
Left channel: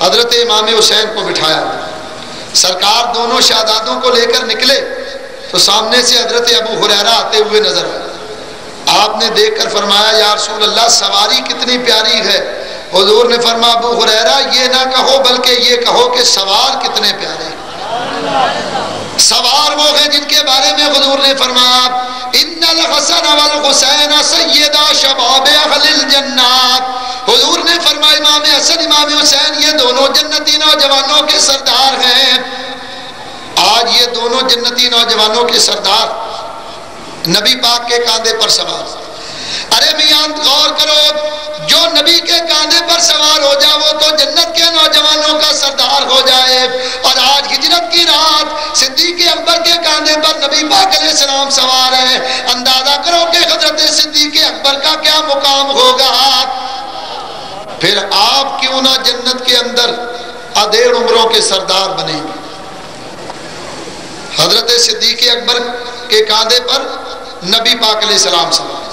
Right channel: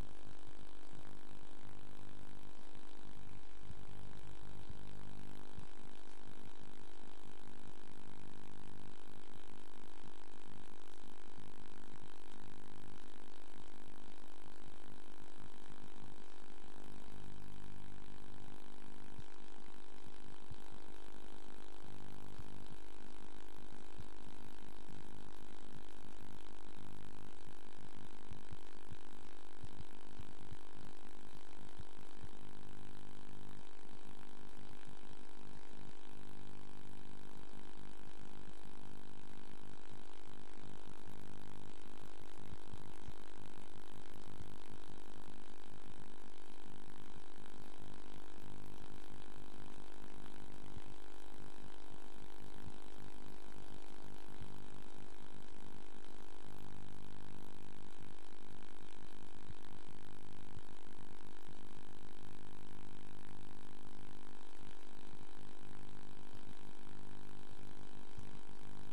حضرت امام حسین کو بٹھایا ہوا ہے۔ سرکار دونوں شہزادوں کو لے کر نکلے تو سامنے سے حضرت ابو ہریرہ آتے ہوئے نظر آئے۔ آپ نے دیکھ کر فرمایا یا رسول اللہ سواری کتنی پیاری ہے۔ حضور نے فرمایا ابو ہریرہ یہ نہ کہو بلکہ یہ کہو کہ سوار کتنے پیارے ہیں۔ سوار وہ ہیں جن کے بارے میں حضور نے فرمایا ان الحسن والحسین سیدا شباب اہل الجنات۔ حضور نے فرمایا امام حسن امام حسین یہ دونوں جنتی نوجوانوں کے سردار ہیں۔ آج یہ دونوں جنتی نوجوانوں کے سردار نبی پاک کے کاندھے پر سوار۔ ارے میاں غور کرو، جو نبی کے کاندھے پر سوار ہو جائے وہ تو جنت کے نوجوانوں کا سردار ہو جائے، اور آج ہجرت کی رات صدیق اکبر کے کاندھے پر نبی پاک علیہ السلام سوار ہیں۔ اندازہ کرو کہ حضرت صدیق اکبر کا کیا مقام ہوگا۔ پھر آپ کیوں نہ جنت کے اندر ادھیڑ عمروں کے سردار بنیں گے۔ حضرت صدیق اکبر کے کاندھے پر نبی پاک علیہ السلام سوار۔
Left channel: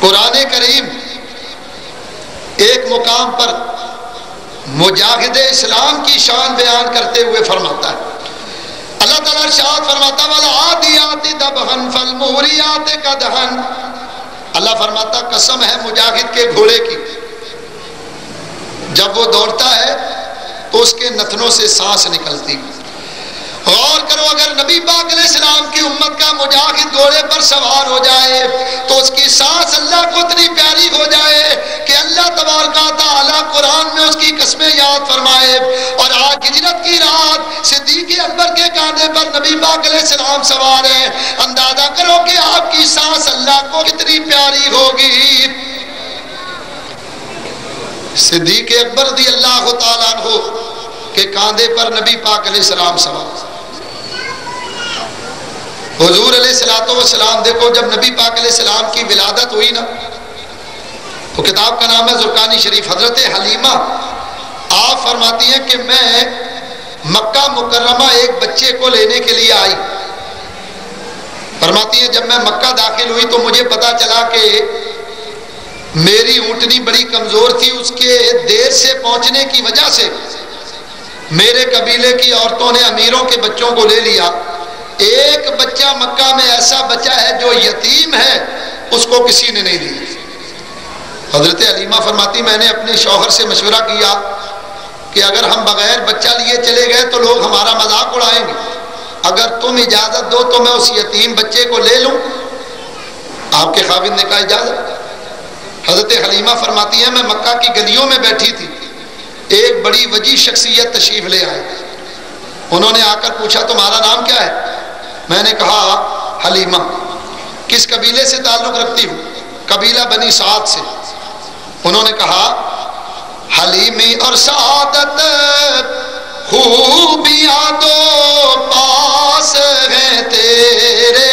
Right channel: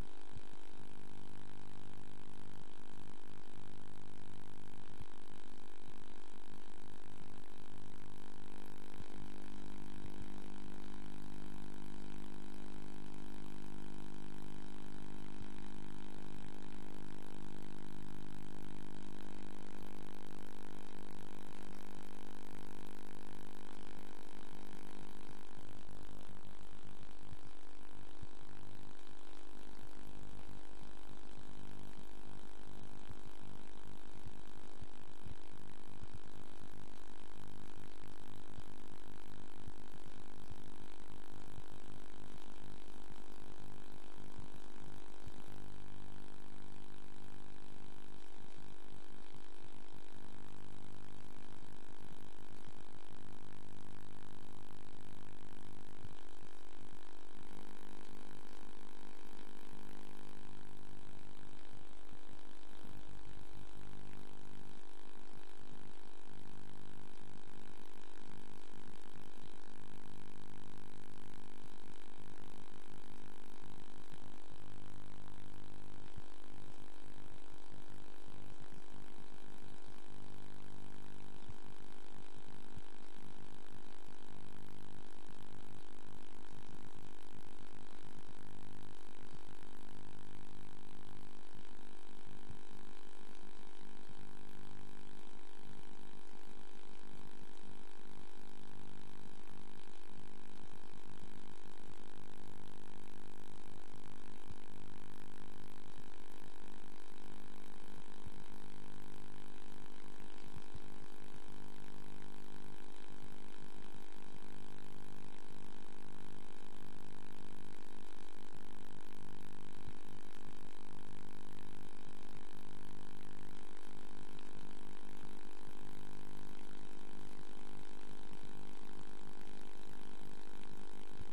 قرآن کریم ایک مقام پر مجاہد اسلام کی شان بیان کرتے ہوئے فرماتا ہے، اللہ تعالیٰ ارشاد فرماتا وَالْعَادِيَاتِ ضَبْحًا فَالْمُورِيَاتِ قَدْحًا۔ اللہ فرماتا قسم ہے مجاہد کے گھوڑے کی، جب وہ دوڑتا ہے تو اس کے نتنوں سے سانس نکلتی۔ غور کرو، اگر نبی پاک علیہ السلام کی امت کا مجاہد گھوڑے پر سوار ہو جائے تو اس کی سانس اللہ کو اتنی پیاری ہو جائے کہ اللہ تبارک و تعالیٰ قرآن میں اس کی قسمیں یاد فرمائے۔ اور آج ہجرت کی رات صدیق اکبر کے کاندھے پر نبی پاک علیہ السلام سوار ہیں۔ اندازہ کرو کہ آپ کی سانس اللہ کو کتنی پیاری ہوگی۔ صدیق اکبر رضی اللہ تعالیٰ عنہ کے کاندھے پر نبی پاک علیہ السلام سوار۔ حضور علیہ السلام دیکھو جب نبی پاک علیہ السلام کی ولادت ہوئی نا تو کتاب کا نام ہے زرقانی شریف، حضرت حلیمہ آپ فرماتی ہیں کہ میں مکہ مکرمہ ایک بچے کو لینے کے لیے آئی۔ فرماتی ہیں جب میں مکہ داخل ہوئی تو مجھے پتا چلا کہ میری اونٹنی بڑی کمزور تھی، اس کے دیر سے پہنچنے کی وجہ سے میرے قبیلے کی عورتوں نے امیروں کے بچوں کو لے لیا۔ ایک بچہ مکہ میں ایسا بچہ ہے جو یتیم ہے، اس کو کسی نے نہیں لیا۔ حضرت حلیمہ فرماتی میں نے اپنے شوہر سے مشورہ کیا کہ اگر ہم بغیر بچہ لیے چلے گئے تو لوگ ہمارا مذاق اڑائیں گے، اگر تم اجازت دو تو میں اس یتیم بچے کو لے لوں۔ آپ کے خاوند نے کہا اجازت۔ حضرت حلیمہ فرماتی ہیں میں مکہ کی گلیوں میں بیٹھی تھی، ایک بڑی وجیح شخصیت تشریف لے آئے۔ انہوں نے آ کر پوچھا تمہارا نام کیا ہے؟ میں نے کہا حلیمہ۔ کس قبیلے سے تعلق رکھتی ہوں؟ قبیلہ بنی سعد سے۔ انہوں نے کہا حلیمی اور سعادت خوبیاں دو پاس ہیں تیرے،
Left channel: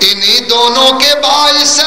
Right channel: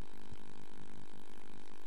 انہی دونوں کے باعث